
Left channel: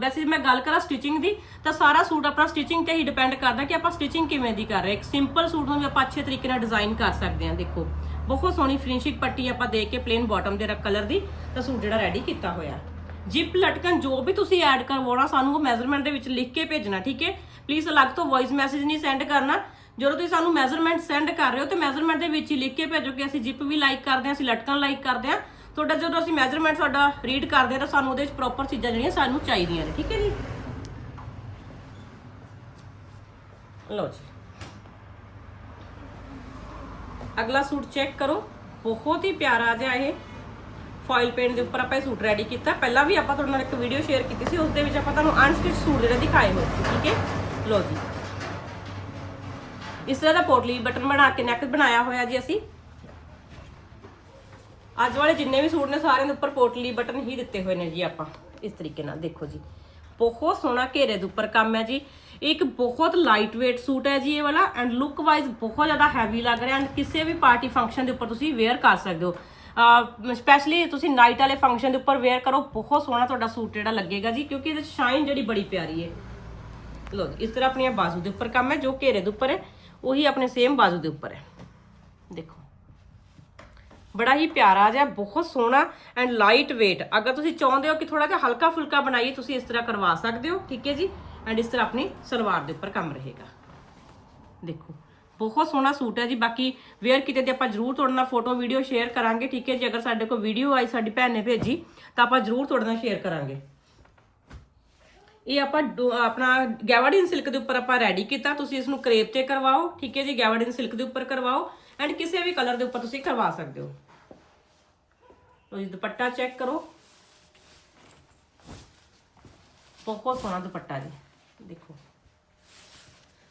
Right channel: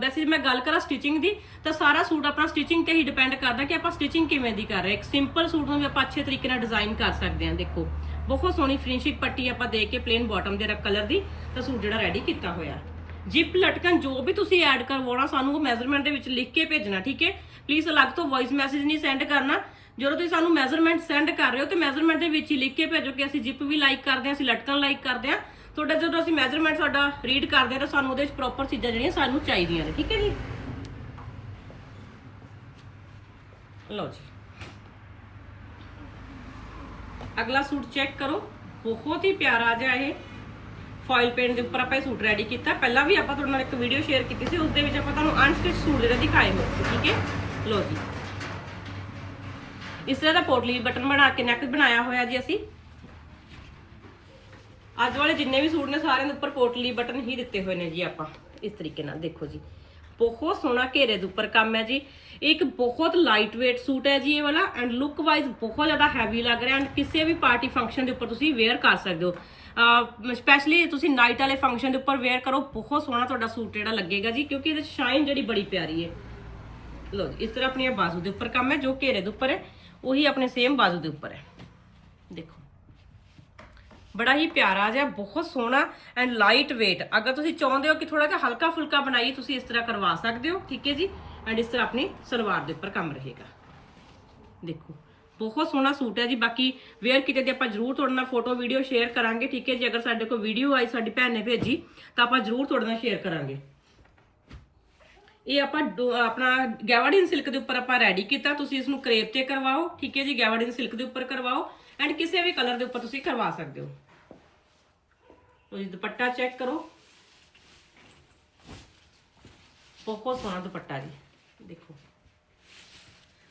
ਵੈਸੇ ਮੈਂ ਗੱਲ ਕਰਾਂ ਸਟਿਚਿੰਗ ਦੀ, ਤਾਂ ਸਾਰਾ ਸੂਟ ਆਪਣਾ ਸਟਿਚਿੰਗ ਤੇ ਹੀ ਡਿਪੈਂਡ ਕਰਦਾ ਕਿ ਆਪਾਂ ਸਟਿਚਿੰਗ ਕਿਵੇਂ ਦੀ ਕਰ ਰਹੇ ਇੱਕ ਸਿੰਪਲ ਸੂਟ ਨੂੰ ਵੀ ਆਪਾਂ ਅੱਛੇ ਤਰੀਕੇ ਨਾਲ ਡਿਜ਼ਾਈਨ ਕਰ ਸਕਦੇ ਹਾਂ, ਦੇਖੋ। ਬਹੁਤ ਸੋਹਣੀ ਫਿਨਿਸ਼ਿੰਗ ਪੱਟੀ ਆਪਾਂ ਦੇ ਕੇ ਪਲੇਨ ਬਾਟਮ ਦੇ ਕਲਰ ਦੀ, ਤਾਂ ਸੂਟ ਜਿਹੜਾ ਰੈਡੀ ਕੀਤਾ ਹੋਇਆ। ਜਿਪ ਲਟਕਣ, ਜੋ ਵੀ ਤੁਸੀਂ ਐਡ ਕਰਵਾਉਣਾ, ਸਾਨੂੰ ਉਹ ਮੈਜ਼ਰਮੈਂਟ ਦੇ ਵਿੱਚ ਲਿਖ ਕੇ ਭੇਜਣਾ, ਠੀਕ ਹੈ? ਪਲੀਜ਼ ਅਲੱਗ ਤੋਂ ਵੌਇਸ ਮੈਸੇਜ ਨਹੀਂ ਸੈਂਡ ਕਰਨਾ। ਜਦੋਂ ਤੁਸੀਂ ਸਾਨੂੰ ਮੈਜ਼ਰਮੈਂਟ ਸੈਂਡ ਕਰ ਰਹੇ ਹੋ, ਤੇ ਮੈਜ਼ਰਮੈਂਟ ਦੇ ਵਿੱਚ ਹੀ ਲਿਖ ਕੇ ਭੇਜੋ ਕਿ ਅਸੀਂ ਜਿਪ ਵੀ ਲਾਈਕ ਕਰਦੇ ਹਾਂ, ਅਸੀਂ ਲਟਕਣ ਲਾਈਕ ਕਰਦੇ ਹਾਂ। ਤੁਹਾਡਾ ਜਦੋਂ ਅਸੀਂ ਮੈਜ਼ਰਮੈਂਟ ਤੁਹਾਡਾ ਰੀਡ ਕਰਦੇ ਹਾਂ ਤਾਂ ਸਾਨੂੰ ਉਹਦੇ ਵਿੱਚ ਪ੍ਰੋਪਰ ਚੀਜ਼ਾਂ ਜਿਹੜੀਆਂ ਸਾਨੂੰ ਚਾਹੀਦੀਆਂ ਨੇ, ਠੀਕ ਹੈ ਜੀ? ਲਓ ਜੀ। ਅਗਲਾ ਸੂਟ ਚੈੱਕ ਕਰੋ। ਬਹੁਤ ਹੀ ਪਿਆਰਾ ਜਿਹਾ ਇਹ ਫਾਇਲ ਪੇਂਟ ਦੇ ਉੱਪਰ ਆਪਾਂ ਇਹ ਸੂਟ ਰੈਡੀ ਕੀਤਾ। ਪਹਿਲਾਂ ਵੀ ਆਪਾਂ ਤੁਹਾਡੇ ਨਾਲ ਇੱਕ ਵੀਡੀਓ ਸ਼ੇਅਰ ਕੀਤੀ ਸੀ ਉਸ ਦੇ ਵਿੱਚ ਆਪਾਂ ਤੁਹਾਨੂੰ ਅਨਸਟਿਚ ਸੂਟ ਜਿਹੜਾ ਦਿਖਾਏ ਹੋਏ ਸੀ, ਠੀਕ ਹੈ? ਲਓ ਜੀ। ਇਸ ਤਰ੍ਹਾਂ ਦਾ ਪੋਟਲੀ ਬਟਨ ਬਣਾ ਕੇ ਨੈਕ ਬਣਾਇਆ ਹੋਇਆ ਜੀ ਅਸੀਂ। ਅੱਜ ਵਾਲੇ ਜਿੰਨੇ ਵੀ ਸੂਟ ਨੇ ਸਾਰਿਆਂ ਦੇ ਉੱਪਰ ਪੋਟਲੀ ਬਟਨ ਹੀ ਦਿੱਤੇ ਹੋਏ ਨੇ ਜੀ ਆਪਾਂ। ਇਸ ਤਰੀਕੇ ਨਾਲ ਦੇਖੋ ਜੀ। ਬਹੁਤ ਸੋਹਣਾ ਘੇਰੇ ਦੇ ਉੱਪਰ ਕੰਮ ਹੈ ਜੀ। ਇਹ ਇੱਕ ਬਹੁਤ ਲਾਈਟ weight ਸੂਟ ਹੈ ਜੀ ਇਹ ਵਾਲਾ ਐਂਡ ਲੁੱਕ ਵਾਈਜ਼ ਬਹੁਤ ਜ਼ਿਆਦਾ ਹੈਵੀ ਲੱਗ ਰਿਹਾ ਐਂਡ ਕਿਸੇ ਵੀ ਪਾਰਟੀ ਫੰਕਸ਼ਨ ਦੇ ਉੱਪਰ ਤੁਸੀਂ ਵੇਅਰ ਕਰ ਸਕਦੇ ਹੋ। ਸਪੈਸ਼ਲੀ ਤੁਸੀਂ ਨਾਈਟ ਵਾਲੇ ਫੰਕਸ਼ਨ ਦੇ ਉੱਪਰ ਵੇਅਰ ਕਰੋ, ਬਹੁਤ ਸੋਹਣਾ ਤੁਹਾਡਾ ਸੂਟ ਜਿਹੜਾ ਲੱਗੇਗਾ ਜੀ, ਕਿਉਂਕਿ ਇਹਦੇ ਸ਼ਾਈਨ ਜਿਹੜੀ ਬੜੀ ਪਿਆਰੀ ਹੈ। ਲੋ ਇਸ ਤਰ੍ਹਾਂ ਆਪਣੀਆਂ ਬਾਜ਼ੂ ਦੇ ਉੱਪਰ ਕੰਮ ਹੈ, ਜੋ ਘੇਰੇ ਦੇ ਉੱਪਰ ਹੈ, ਉਹੀ ਆਪਣੇ ਸੇਮ ਬਾਜ਼ੂ ਦੇ ਉੱਪਰ ਹੈ। ਦੇਖੋ। ਬੜਾ ਹੀ ਪਿਆਰਾ ਜਿਹਾ ਬਹੁਤ ਸੋਹਣਾ ਐਂਡ ਲਾਈਟ weight ਅਗਰ ਤੁਸੀਂ ਚਾਹੁੰਦੇ ਹੋ ਕਿ ਥੋੜਾ ਜਿਹਾ ਹਲਕਾ ਫੁਲਕਾ ਬਣਾਈਏ ਤੁਸੀਂ ਇਸ ਤਰ੍ਹਾਂ ਕਰਵਾ ਸਕਦੇ ਹੋ ਠੀਕ ਹੈ ਜੀ ਐਂਡ ਇਸ ਤਰ੍ਹਾਂ ਆਪਣੀ ਸਲਵਾਰ ਦੇ ਉੱਪਰ ਕੰਮ ਰਹੇਗਾ ਦੇਖੋ ਬਹੁਤ ਸੋਹਣਾ ਸੂਟ ਹੈ ਜੀ ਬਾਕੀ ਵੇਅਰ ਕੀਤੇ ਤੇ ਆਪਾਂ ਜਰੂਰ ਤੁਹਾਡੇ ਨਾਲ ਫੋਟੋ ਵੀਡੀਓ ਸ਼ੇਅਰ ਕਰਾਂਗੇ ਠੀਕ ਹੈ ਜੀ ਅਗਰ ਸਾਡੇ ਕੋਲ ਵੀਡੀਓ ਆਈ ਸਾਡੀ ਭੈਣ ਨੇ ਭੇਜੀ ਤਾਂ ਆਪਾਂ ਜਰੂਰ ਤੁਹਾਡੇ ਨਾਲ ਸ਼ੇਅਰ ਕਰਾਂਗੇ ਇਹ ਆਪਾਂ ਡੋ- ਆਪਣਾ ਗੈਵਾਡੀਨ ਸਿਲਕ ਦੇ ਉੱਪਰ ਆਪਾਂ ਰੈਡੀ ਕੀਤਾ ਤੁਸੀਂ ਇਸ ਨੂੰ ਕਰੇਪ ਤੇ ਕਰਵਾਓ ਠੀਕ ਹੈ ਜੀ ਗੈਵਾਡੀਨ ਸਿਲਕ ਦੇ ਉੱਪਰ ਕਰਵਾਓ ਐਂਡ ਕਿਸੇ ਵੀ ਕਲਰ ਦੇ ਉੱਪਰ ਤੁਸੀਂ ਕਰਵਾ ਸਕਦੇ ਹੋ। ਲਓ ਜੀ, ਦੁਪੱਟਾ ਚੈੱਕ ਕਰੋ। ਬਹੁਤ ਸੋਹਣਾ ਦੁਪੱਟਾ ਜੀ, ਦੇਖੋ।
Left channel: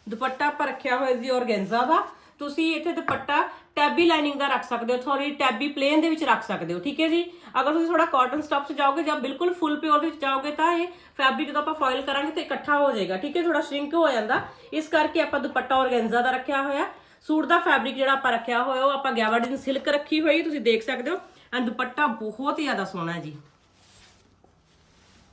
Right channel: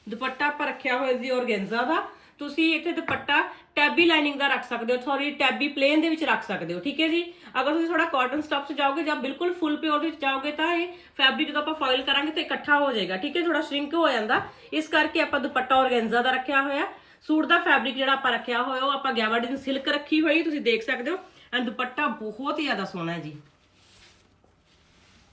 ਦੁਪੱਟਾ ਆਪਾਂ ਰੱਖਿਆ ਹੋਇਆ ਜੀ ਔਰਗੈਂਜ਼ਾ ਦਾ। ਤੁਸੀਂ ਇੱਥੇ ਦੁਪੱਟਾ ਟੈਬੀ ਲਾਈਨਿੰਗ ਦਾ ਰੱਖ ਸਕਦੇ ਹੋ, ਸੌਰੀ, ਟੈਬੀ ਪਲੇਨ ਦੇ ਵਿੱਚ ਰੱਖ ਸਕਦੇ ਹੋ, ਠੀਕ ਹੈ ਜੀ? ਅਗਰ ਤੁਸੀਂ ਥੋੜਾ ਕਾਟਨ ਸਟਫ 'ਚ ਜਾਓਗੇ ਜਾਂ ਬਿਲਕੁਲ ਫੁੱਲ ਪਿਓਰ ਦੇ ਵਿੱਚ ਜਾਓਗੇ ਤਾਂ ਇਹ ਫੈਬਰਿਕ ਜਦੋਂ ਆਪਾਂ ਫਾਇਲ ਕਰਾਂਗੇ ਤਾਂ ਇਕੱਠਾ ਹੋ ਜਾਏਗਾ, ਠੀਕ ਹੈ? ਥੋੜਾ ਸ਼ਰਿੰਕ ਹੋ ਜਾਂਦਾ। ਇਸ ਕਰਕੇ ਆਪਾਂ ਦੁਪੱਟਾ ਔਰਗੈਂਜ਼ਾ ਦਾ ਰੱਖਿਆ ਹੋਇਆ। ਸੂਟ ਦਾ ਫੈਬਰਿਕ ਜਿਹੜਾ ਆਪਾਂ ਰੱਖਿਆ ਹੋਇਆ, ਉਹ ਆਪਾਂ ਗੈਵਾਡੀਨ ਸਿਲਕ ਰੱਖੀ ਹੋਈ, ਤੁਸੀਂ ਦੇਖ ਸਕਦੇ ਹੋ। ਐਂਡ ਦੁਪੱਟਾ ਬਹੁਤ ਹੀ ਜ਼ਿਆਦਾ ਸੋਹਣਾ ਹੈ ਜੀ।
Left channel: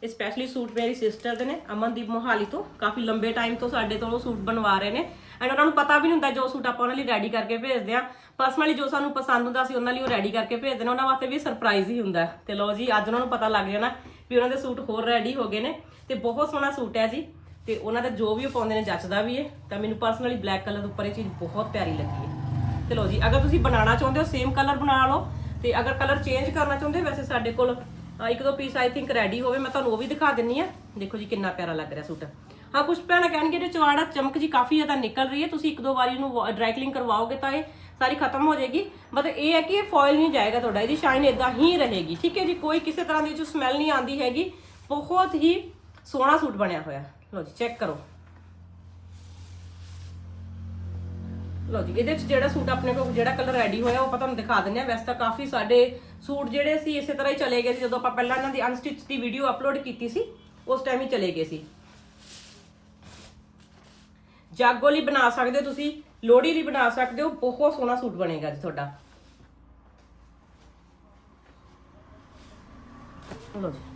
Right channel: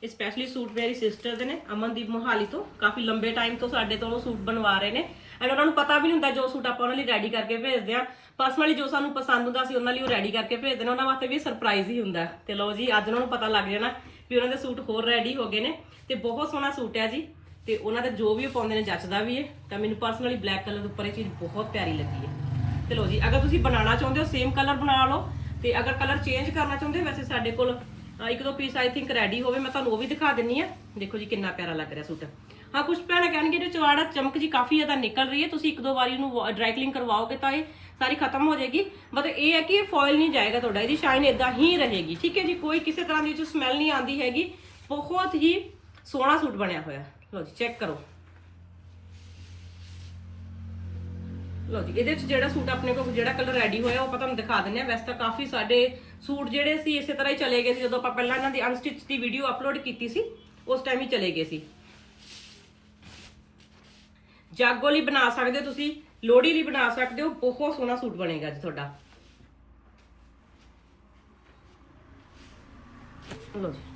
ਇਹ ਸਪੈਸ਼ਲੀ ਸੂਟ ਮੇਰੀ ਸਿਸਟਰ ਦੇ ਨੇ, ਅਮਨਦੀਪ ਮੋਹਾਲੀ ਤੋਂ। ਕਾਫੀ ਲੰਬੇ ਟਾਈਮ ਤੋਂ ਸਾਡੇ ਤੋਂ ਉਹ ਸੂਟ ਬਣਵਾ ਰਹੇ ਨੇ। ਐਂਡ ਉਹਨਾਂ ਨੂੰ ਪਤਾ ਵੀ ਨਹੀਂ ਹੁੰਦਾ ਜੋ ਸੂਟ ਆਪਾਂ ਉਹਨਾਂ ਲਈ ਰੈਡੀ ਕਰਕੇ ਭੇਜਦੇ ਆ ਪਰਸਨਲੀ ਜੋ ਸਾਨੂੰ ਪਸੰਦ ਹੁੰਦਾ ਸੀ ਉਹਨਾਂ ਲਈ ਉਹ ਰੈਡੀ ਕਰਕੇ ਭੇਜਦੇ ਨੇ। ਉਹਨਾਂ ਵਾਸਤੇ ਵੀ ਸਰਪ੍ਰਾਈਜ਼ ਹੀ ਹੁੰਦਾ ਹੈ। ਤੇ ਲਓ ਜੀ, ਅੱਜ ਉਹਨਾਂ ਨੂੰ ਪਤਾ ਲੱਗ ਜਾਣਾ ਵੀ ਉਹਨਾਂ ਦੇ ਸੂਟ ਹੋਰ ਰੈਡੀ ਹੋ ਗਏ ਨੇ। ਤੇ ਬਹੁਤ ਸੋਹਣਾ ਸੂਟ ਹੈ ਜੀ। ਤੇ ਉਹਨਾਂ ਦਾ ਜੋ ਵੀ ਉਹ ਪਾਉਂਦੇ ਨੇ ਜੱਚਦਾ ਵੀ ਹੈ ਤਾਂ ਮੈਨੂੰ ਪਰਸਨਲੀ ਬਲੈਕ ਕਲਰ ਦੇ ਉੱਪਰ ਇਹ ਚੀਜ਼ ਬਹੁਤ ਪਿਆਰੀ ਲੱਗੀ ਹੈ ਤੇ ਲਓ ਜੀ, ਅਗਰ ਤੁਸੀਂ ਬਣਾਉਣਾ ਚਾਹੁੰਦੇ ਹੋ ਸੇਮ ਕਲਰ ਬਣਾ ਲਓ, ਤੇ ਅਗਰ ਕਲਰ ਚੇਂਜ ਕਰਨਾ ਚਾਹੁੰਦੇ ਹੋ, ਵੈਸੇ ਸਾਡੇ ਕੋਲ ਇੱਕ ਦੋ ਪੀਸ ਆਈ ਥਿੰਕ ਰੈਡੀ ਹੋਵੇ, ਮੈਂ ਤੁਹਾਨੂੰ ਉਹ ਵੀ ਦਿਖਾ ਦਿੰਨੀ ਆ। ਦੇਖੋ ਜੀ, ਕਿੰਨਾ ਪਿਆਰਾ ਲੱਗ ਰਿਹਾ ਸੂਟ। ਹਾਂ ਕੁਝ ਭੈਣਾਂ ਕਹਿਣਗੇ ਇਹਦੇ ਚਵਾੜਾ ਚਮਕ ਜੀ ਕਾਫੀ ਜ਼ਿਆਦਾ ਨਿਕਲ ਰਹੀ ਹੈ ਤੁਸੀਂ ਇੱਕ ਦੋ ਵਾਰੀ ਇਹਨੂੰ ਡਰਾਈ ਕਲੀਨ ਕਰਵਾਓਗੇ ਤਾਂ ਇਹ ਸਾਰੀ ਖਤਮ ਹੋ ਜਾਏਗੀ। ਮਤਲਬ ਇਹ ਹੈ ਕਿ ਇਹ ਫੋਇਲ ਨਹੀਂ ਜਾਏਗਾ ਤੁਹਾਡਾ, ਇਹਦੀ ਸ਼ਾਈਨ ਇਦਾਂ ਹੀ ਰਹੇਗੀ। ਠੀਕ ਹੈ ਜੀ, ਕੋਈ ਕਿਸੇ ਤਰ੍ਹਾਂ ਦੀ ਜੋ ਸਮੈਲ ਨਹੀਂ ਆਉਂਦੀ ਹੈਗੀ, ਬਹੁਤ ਹੀ ਸੋਹਣਾ ਸੂਟ ਬਣਿਆ ਹੋਇਆ। ਲਓ ਜੀ ਚੈੱਕ ਕਰੋ। ਲਓ ਜੀ, ਇਹਦੇ ਵਿੱਚ ਜਿਹੜਾ ਸੂਟ ਆਪਣੇ ਕੋਲ, ਜਿਹੜਾ ਕਲਰ ਰੈਡੀ ਹੋਇਆ, ਉਹ ਆਪਾਂ ਤੁਹਾਨੂੰ ਦਿਖਾ ਦਿੰਨੇ ਆ ਵੈਸੇ ਤਾਂ ਕਾਫੀ ਸਾਡੇ ਸੂਟ ਜਿਹੜੇ ਸੀ, ਇਸੇ ਤਰ੍ਹਾਂ ਹੀ ਚਲੇ ਗਏ ਸੀ। ਜਦੋਂ ਆਪਾਂ ਪਹਿਲਾਂ ਇਹਨਾਂ ਦੀ ਅਨਸਟਿਚ ਦੀ ਵੀਡੀਓ ਅਪਲੋਡ ਕੀਤੀ ਸੀ, ਉਸ ਟਾਈਮ ਹੀ ਚਲੇ ਗਏ ਸੀ। ਜਾਗੋ ਲਈ ਬਣਾ ਸਕਦੇ ਹੋ ਤੁਸੀਂ, ਲੋਹੜੀ ਲਈ ਬਣਾ ਸਕਦੇ ਹੋ, ਬਹੁਤ ਸੋਹਣਾ ਸੂਟ ਬਣੇਗਾ ਜੀ ਤੁਹਾਡਾ। ਲਓ ਜੀ।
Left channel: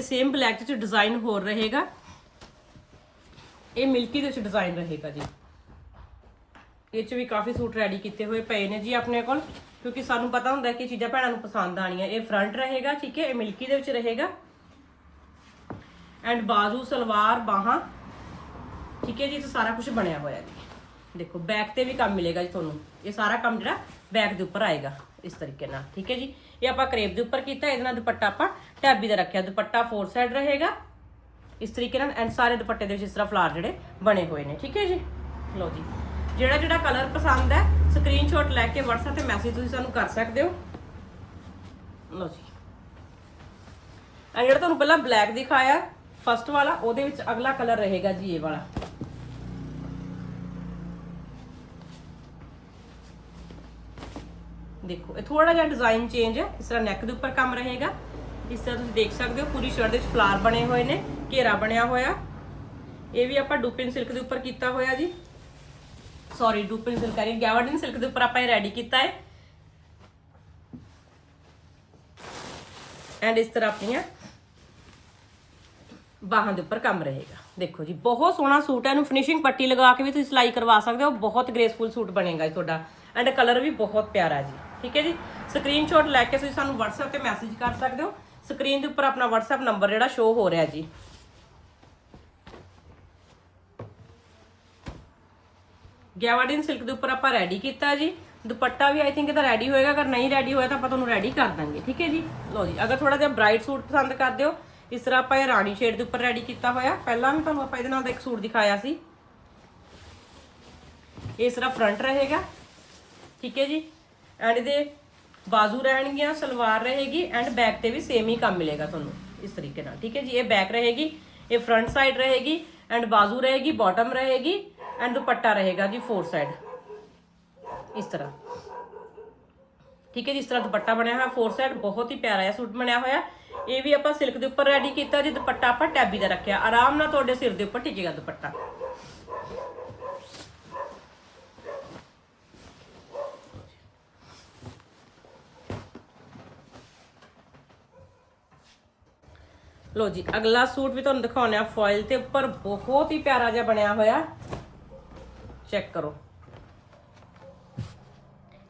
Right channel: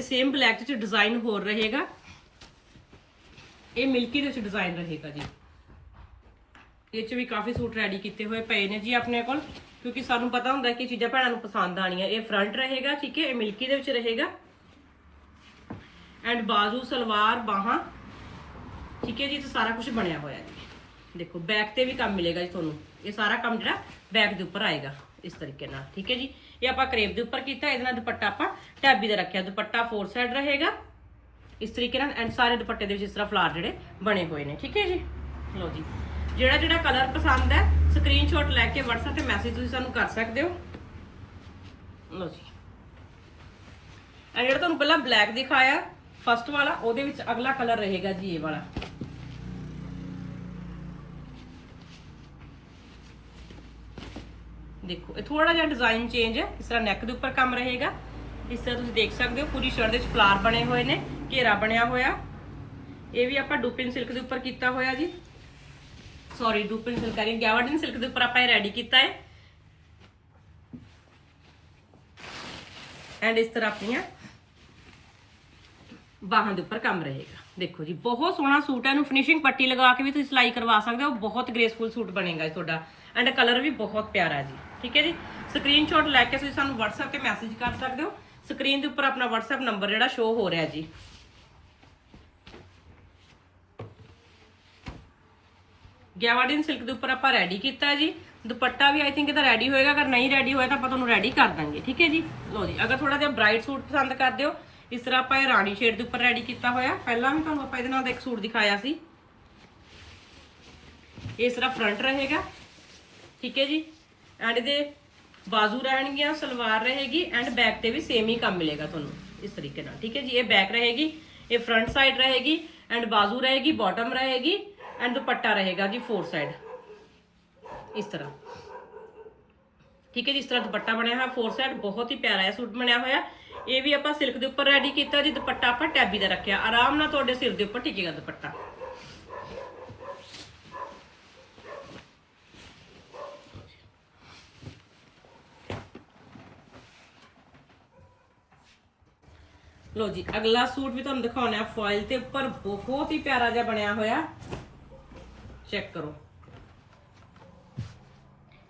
ਤੇ ਸੇਮ ਬਲੈਕ ਚ ਡਿਜ਼ਾਈਨ ਹੋਰ ਰਹੇਗਾ। ਇਹ ਮਿਲਕੀ ਦੇ ਵਿੱਚ ਡਿਜ਼ਾਈਨ ਰਹੇਗਾ ਜੀ। ਇਹ ਚ ਵੀ ਕਾਫੀ ਸੂਟ ਰੈਡੀ ਕੀਤੇ ਹੋਏ ਪਏ ਨੇ ਜੀ ਆਪਣੇ ਕੋਲ। ਕਿਉਂਕਿ ਸਾਨੂੰ ਪਤਾ ਹੁੰਦਾ ਕਿ ਚੀਜ਼ਾਂ ਭੈਣਾਂ ਨੂੰ ਪਸੰਦ ਆਣੀਆਂ ਇਹ ਫਰੰਟ ਰਹੇਗਾ, ਠੀਕ ਹੈ? ਇਹ ਮਿਲਕੀ ਦੇ ਵਿੱਚ ਰਹੇਗਾ। ਐਂਡ ਬਾਜ਼ੂ, ਸਲਵਾਰ, ਬਾਹਾਂ, ਠੀਕ ਹੈ ਜੀ? ਇਹ ਸਾਰਾ ਕੁਝ ਬਣਿਆ ਹੋਇਆ ਜੀ। ਦੇਖੋ ਬੈਕ ਤੇ ਵੀ ਕੰਮ ਮਿਲੇਗਾ ਜੀ ਤੁਹਾਨੂੰ। ਇਹ ਸਾਰਾ ਕੰਮ ਜਿਹੜਾ ਬੈਕ ਦੇ ਉੱਪਰ ਆਏਗਾ, ਇਸ ਤਰੀਕੇ ਨਾਲ, ਠੀਕ ਹੈ ਜੀ? ਇਹ ਆਪਾਂ ਕਰੇਪ ਦੇ ਉੱਪਰ ਕੀਤਾ, ਇਹਦੇ ਨਾਲ ਦੁਪੱਟਾ ਆਪਾਂ ਟੈਬੀ ਦਾ ਰੱਖਿਆ। ਦੁਪੱਟਾ ਫੋਰ ਸਾਈਡ ਰਹੇਗਾ। ਇਸ ਤਰੀਕੇ ਨਾਲ ਐਂਡ ਸਾਰੇ ਦੁਪੱਟੇ ਦੇ ਵਿੱਚ ਇਸ ਤਰ੍ਹਾਂ ਫਲਾਰ ਜਿਹੜੇ ਬਣੇ ਹੋਏ ਨੇ, ਠੀਕ ਹੈ ਜੀ? ਲਓ ਜੀ। ਜਿਹੜਾ ਜਿਹੜਾ ਕਲਰ ਪਸੰਦ ਹੈ ਸਕਰੀਨਸ਼ਾਟ ਲੈ ਕੇ WhatsApp ਤੇ ਮੈਸੇਜ ਤੁਸੀਂ ਸਾਨੂੰ ਕਰ ਸਕਦੇ ਹੋ। ਲਓ ਜੀ। ਐਂਡ ਜਿਹੜਾ ਤੁਹਾਨੂੰ ਪਹਿਲਾਂ ਬਲੈਕ ਦਿਖਾਇਆ ਫਸਟ ਵਾਲਾ, ਉਹਦੇ ਵਿੱਚ ਅਗਲਾ ਕਲਰ ਰਹੇਗਾ ਜੀ, ਇਹ ਵਾਲਾ। ਦੇਖੋ, ਇਹ ਥੋੜਾ ਜਿਹਾ ਡਿਜ਼ਾਈਨ ਚੇਂਜ ਹੈ, ਇਸ ਤਰ੍ਹਾਂ ਨੈਕ ਦੇ ਉੱਪਰ ਕੰਮ ਰਹੇਗਾ। ਇਸ ਤਰ੍ਹਾਂ ਤੁਸੀਂ ਦੇਖ ਸਕਦੇ ਹੋ, ਪੂਰੀ ਸ਼ਰਟ ਦੇ ਵਿੱਚ ਫਲਾਰ ਬਣੇ ਹੋਏ ਨੇ, ਘੇਰਾ ਬਣਿਆ ਹੋਇਆ। ਇਹ ਵੀ ਆਪਾਂ ਡੂਪਿਨ ਸਿਲਕ ਦੇ ਉੱਪਰ ਕੀਤਾ ਹੋਇਆ ਜੀ। ਸੌਰੀ ਡੂਪਿਨ ਸਿਲਕ ਆ ਰਹੀ ਗੈਵਰਡਨ ਸਿਲਕ ਦੇ ਉੱਪਰ ਆਪਾਂ ਇਹ ਰੈਡੀ ਕੀਤਾ ਹੈ। ਐਂਡ ਇਸ ਤਰ੍ਹਾਂ ਆਪਣੀਆਂ ਬਾਹਾਂ ਦੇ ਉੱਪਰ ਕੰਮ ਰਹੇਗਾ। ਦੇਖੋ ਜੀ, ਬਹੁਤ ਸੋਹਣਾ ਸੂਟ ਹੈ। ਇਹਨੂੰ ਫਿਨਿਸ਼ਿੰਗ ਪੱਟੀ ਲਗਾ ਕੇ ਵੀ ਤੁਸੀਂ ਸਿਲਾਈ ਕਰਵਾ ਸਕਦੇ ਹੋ। ਬਹੁਤ ਗ੍ਰੇਸਫੁਲ ਸੂਟ ਬਣੇਗਾ ਜੀ ਤੁਹਾਡਾ। ਐਂਡ ਕਲਰ ਵੀ ਬਹੁਤ ਪਿਆਰਾ ਜੀ। ਠੀਕ ਹੈ ਜੀ? ਸਕਰੀਨਸ਼ਾਟ ਲੈ ਕੇ ਤੁਸੀਂ ਸਾਨੂੰ WhatsApp ਤੇ ਮੈਸੇਜ ਕਰ ਸਕਦੇ ਹੋ। ਸਕਰੀਨ ਦੇ ਉੱਪਰ ਆਪਣਾ WhatsApp ਨੰਬਰ ਜਿਹੜਾ ਸ਼ੋ ਹੋ ਰਿਹਾ ਜੀ। ਗੈਵਾਰਡਨ ਸਿਲਕ ਦੇ ਉੱਪਰ ਆਪਾਂ ਰੈਡੀ ਕੀਤਾ ਜੀ। ਦੁਪੱਟਾ ਵੀ ਆਈ ਥਿੰਕ ਇਹਦਾ ਰੈਡੀ ਹੋਏਗਾ। ਅਗਰ ਨਹੀਂ ਰੈਡੀ ਹੋਇਆ ਤਾਂ ਆਪਾਂ ਤੁਹਾਨੂੰ ਰੈਡੀ ਕਰ ਦਾਂਗੇ। ਠੀਕ ਹੈ ਜੀ? ਲਓ ਜੀ, ਅਗਰ ਥੋੜਾ ਜਿਹਾ ਬ੍ਰਾਈਟ ਸੂਟ ਪਸੰਦ ਕਰਦੇ ਹੋ, ਇਸ ਤਰ੍ਹਾਂ ਆਪਾਂ ਇਹ ਰਾਣੀ ਸ਼ੇਡ ਦੇ ਉੱਪਰ ਰੈਡੀ ਕੀਤਾ ਹੋਇਆ। ਪਹਿਲਾਂ ਵੀ ਤੁਹਾਨੂੰ ਆਪਾਂ ਇਹਦੇ ਨਾਲ ਦਾ ਇੱਕ ਸੂਟ ਦਿਖਾਇਆ ਸੀ। ਇਸ ਤਰ੍ਹਾਂ ਫਰੰਟ ਰਹੇਗਾ। ਠੀਕ ਹੈ ਜੀ? ਐਂਡ ਇਹਦੇ ਬਾਜ਼ੂ ਰਹਿਣਗੀਆਂ, ਸਲਵਾਰ ਰਹੇਗੀ ਐਂਡ ਬੈਕ ਤੇ ਵੀ ਸੇਮ ਹੀ ਕੰਮ ਮਿਲੇਗਾ ਤੁਹਾਨੂੰ ਇਸ ਤਰੀਕੇ ਨਾਲ, ਠੀਕ ਹੈ ਜੀ? ਇਹ ਬੈਕ ਰਹੇਗੀ, ਇਹ ਫਰੰਟ ਸਾਈਡ ਰਹੇਗੀ ਐਂਡ ਬਾਜ਼ੂ ਰਹੇਗੀ ਬਾਟਮ ਰਹੇਗੀ ਐਂਡ ਦੁਪੱਟਾ ਰਹੇਗਾ ਜੀ ਫੋਰ ਸਾਈਡ ਇਸ ਤਰ੍ਹਾਂ। ਠੀਕ ਹੈ ਜੀ, ਇਸ ਤਰ੍ਹਾਂ ਦੁਪੱਟਾ ਬਣਿਆ ਹੋਇਆ ਫੋਰ ਸਾਈਡ ਬਹੁਤ ਹੀ ਪਿਆਰਾ ਹੈ ਸੂਟ ਬਣਿਆ ਹੋਇਆ। ਇਹ ਵੀ ਆਪਾਂ ਸਿਲਕ ਦੇ ਉੱਪਰ ਰੈਡੀ ਕੀਤਾ ਜੀ, ਦੁਪੱਟਾ ਆਪਾਂ ਟੈਬੀ ਦਾ ਰੱਖਿਆ। ਆਰਾਮ ਨਾਲ ਤੁਹਾਡੇ ਸਿਰ ਦੇ ਉੱਪਰ ਟਿਕੇਗਾ ਦੁਪੱਟਾ। ਲੋ ਜੀ, ਅਗਲਾ ਸੂਟ ਵੀ ਤੁਹਾਨੂੰ ਦਿਖਾਉਣਾ ਹੈ ਫੋਇਲ ਤੇ ਉੱਪਰ ਬਹੁਤ ਹੀ ਪਿਆਰਾ ਜਿਹਾ ਬਣਿਆ ਹੋਇਆ। ਚੈੱਕ ਕਰੋ।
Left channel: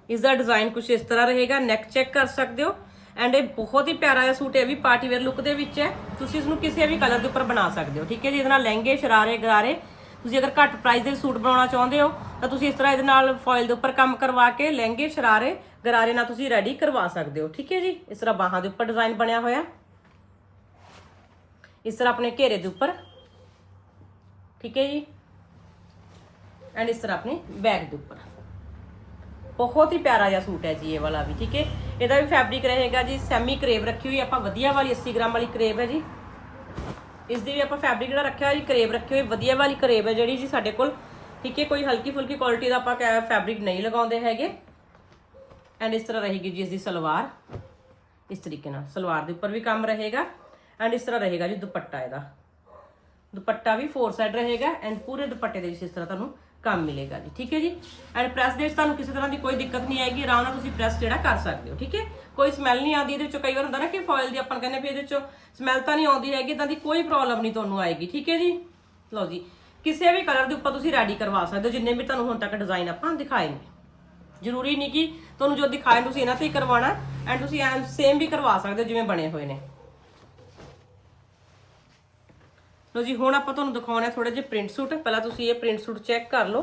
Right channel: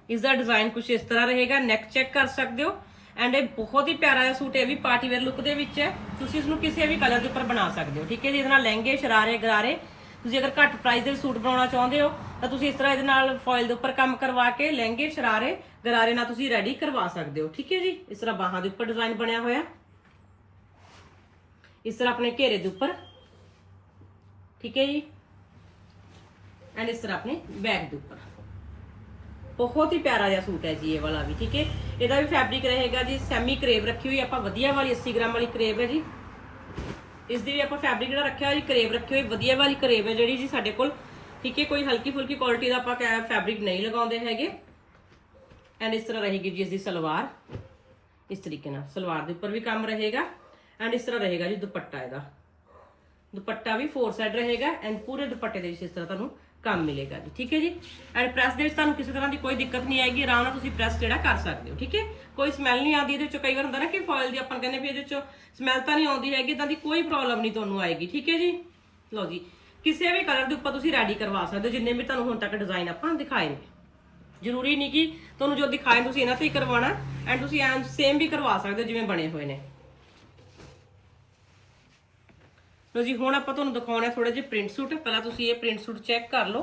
ਇਸ ਦਾ ਡਿਜ਼ਾਈਨ ਕੁਝ ਇਸ ਤਰ੍ਹਾਂ ਰਹੇਗਾ ਨੈਕ ਚੈੱਕ ਕਰ ਸਕਦੇ ਹੋ। ਐਂਡ ਇਹ ਬਹੁਤ ਹੀ ਪਿਆਰਾ ਜਿਹਾ ਸੂਟ ਇਹ ਵੀ ਪਾਰਟੀ ਵੇਅਰ ਲੁੱਕ ਦੇ ਵਿੱਚ ਹੈ। ਤੁਸੀਂ ਇਸ ਨੂੰ ਕਿਸੇ ਵੀ ਕਲਰ ਦੇ ਉੱਪਰ ਬਣਾ ਸਕਦੇ ਹੋ, ਠੀਕ ਹੈ ਜੀ? ਇਹਦੇ ਨਾਲ ਲਹਿੰਗੇ, ਸ਼ਰਾਰੇ, ਗਰਾਰੇ। ਤੁਸੀਂ ਅਗਰ ਘੱਟ ਪ੍ਰਾਈਸ ਦੇ ਸੂਟ ਬਣਾਉਣਾ ਚਾਹੁੰਦੇ ਹੋ, ਤਾਂ ਤੁਸੀਂ ਇਸ ਤਰ੍ਹਾਂ ਇਹਦੇ ਨਾਲ ਫੋਇਲ ਦੇ ਉੱਪਰ ਕੰਮ ਕਰਵਾ ਕੇ ਲਹਿੰਗੇ, ਸ਼ਰਾਰੇ, ਗਰਾਰੇ ਨਾਲ ਤੁਸੀਂ ਰੈਡੀ ਕਰਵਾ ਸਕਦੇ ਹੋ, ਠੀਕ ਹੈ ਜੀ? ਇਸ ਤਰ੍ਹਾਂ ਬਾਹਾਂ ਦੇ ਉੱਪਰ ਡਿਜ਼ਾਈਨ ਬਣਿਆ ਹੋਇਆ। ਇਸ ਤਰ੍ਹਾਂ ਆਪਣੇ ਘੇਰੇ ਦੇ ਉੱਪਰ। ਠੀਕ ਹੈ ਜੀ? ਐਂਡ ਇਸ ਤਰ੍ਹਾਂ ਆਪਣੇ ਬੈਗ ਦੇ ਉੱਪਰ। ਬਹੁਤ ਹੀ ਪਿਆਰਾ ਜਿਹਾ ਸੂਟ ਹੈ ਜੀ ਇਹ ਵਾਲਾ ਵੀ, ਠੀਕ ਹੈ? ਇਹਦਾ ਵੀ ਫੈਬਰਿਕ ਰਹੇਗਾ ਜੀ ਸੈਮੀ ਕਰੇਵ ਰੱਖੀ ਹੋਈ, ਆਪਾਂ ਵਧੀਆ ਵਾਲੀ 80 ਗ੍ਰਾਮ ਵਾਲੀ ਕਰੇਵ ਹੈ ਜੀ। ਇਸ ਦੀ ਵੀ ਆਪਾਂ ਫੈਬਰਿਕ ਜਿਹੜਾ ਰੱਖਿਆ ਹੋਇਆ ਜੀ ਕਰੇਵ ਰੱਖੀ ਹੋਈ, ਵਧੀਆ ਵਾਲੀ ਕਰੇਵ ਹੈ ਜਿਹੜੀ ਜੀ ਸਾਡੇ ਕੋਲ। ਠੀਕ ਹੈ, ਕੋਈ ਹਲਕੀ ਫੁਲਕੀ ਕੁਆਲਿਟੀ ਦਾ ਆਪਾਂ ਫੈਬਰਿਕ ਨਹੀਂ ਲਗਾਉਂਦੇ ਹੈਗੇ। ਐਂਡ ਇਸ ਤਰ੍ਹਾਂ ਰਹੇਗੀ ਜੀ ਇਸ ਦੀ ਸਲਵਾਰ। ਇਸ ਤਰੀਕੇ ਨਾਲ ਸਲਵਾਰ ਦੇ ਉੱਪਰ ਵੀ ਕੰਮ ਰਹੇਗਾ। ਐਂਡ ਇਸ ਤਰ੍ਹਾਂ ਰਹੇਗਾ ਜੀ ਦੁਪੱਟਾ ਇਹਦਾ। ਦੁਪੱਟਾ ਵੀ ਫੋਰ ਸਾਈਡ ਰਹੇਗਾ ਐਂਡ ਪੂਰੇ ਦੁਪੱਟੇ ਦੇ ਵਿੱਚ ਇਸ ਤਰ੍ਹਾਂ ਤੁਹਾਨੂੰ ਕੰਮ ਮਿਲੇਗਾ ਜੀ, ਠੀਕ ਹੈ ਜੀ? ਐਂਡ ਪ੍ਰੈਸ ਦੇ ਵਿੱਚ ਤੁਹਾਨੂੰ ਕਿਸੇ ਤਰ੍ਹਾਂ ਦੀ ਕੋਈ ਦਿੱਕਤ ਨਹੀਂ ਆਏਗੀ, ਆਰਾਮ ਨਾਲ ਤੁਸੀਂ ਪ੍ਰੈਸ ਜਿਹੜਾ ਕਰ ਸਕਦੇ ਹੋ, ਠੀਕ ਹੈ? ਕੋਈ ਸਮੈਲ ਨਹੀਂ ਆਉਂਦੀ ਇਹਦੇ ਵਿੱਚੋਂ, ਕਈ ਵਾਰ ਹੁੰਦਾ ਨਾ ਕਿ ਫੋਇਲ ਦੀ ਆਪਾਂ ਕਹਿੰਦੇ ਵੀ ਇਹਦੇ ਵਿੱਚੋਂ ਸਮੈਲ ਤਾਂ ਨਹੀਂ ਆਉਂਦੀ ਹੈਗੀ ਇਦਾਂ ਦੀ ਕੋਈ ਪ੍ਰੋਬਲਮ ਨਹੀਂ ਤੁਹਾਨੂੰ ਆਏਗੀ, ਠੀਕ ਹੈ ਜੀ? ਲਓ ਜੀ, ਕਿਸੇ ਵੀ ਕਲਰ ਦੇ ਉੱਪਰ ਤੁਸੀਂ ਰੈਡੀ ਕਰਵਾ ਸਕਦੇ ਹੋ, ਜਿੰਨੇ ਵੀ ਤੁਹਾਨੂੰ ਹੁਣ ਤੱਕ ਡਿਜ਼ਾਈਨ ਆਪਾਂ ਦਿਖਾਏ ਨੇ। ਜ਼ਰੂਰੀ ਨਹੀਂ ਕਿ ਤੁਹਾਨੂੰ ਜੋ ਦਿਖਾਏ ਤੁਸੀਂ ਇਹਨਾਂ ਤੇ ਹੀ ਕਰਵਾਉਣਾ ਐਂਡ ਤੁਸੀਂ ਐਂ ਸੇਮ ਵੀ ਕਰਵਾ ਸਕਦੇ ਹੋ ਜਿਵੇਂ ਬਣੇ ਹੋਏ ਨੇ। ਲੋ ਜੀ, ਹੁਣ ਆਪਾਂ ਤੁਹਾਨੂੰ ਦਿਖਾਉਣਾ ਥੋੜੇ ਜਿਹਾ ਪ੍ਰਿੰਟ ਸੂਟ ਪਹਿਲਾਂ ਤੁਸੀਂ ਇਹ ਪ੍ਰਿੰਟ ਸੂਟ ਚੈੱਕ ਕਰ ਲਓ।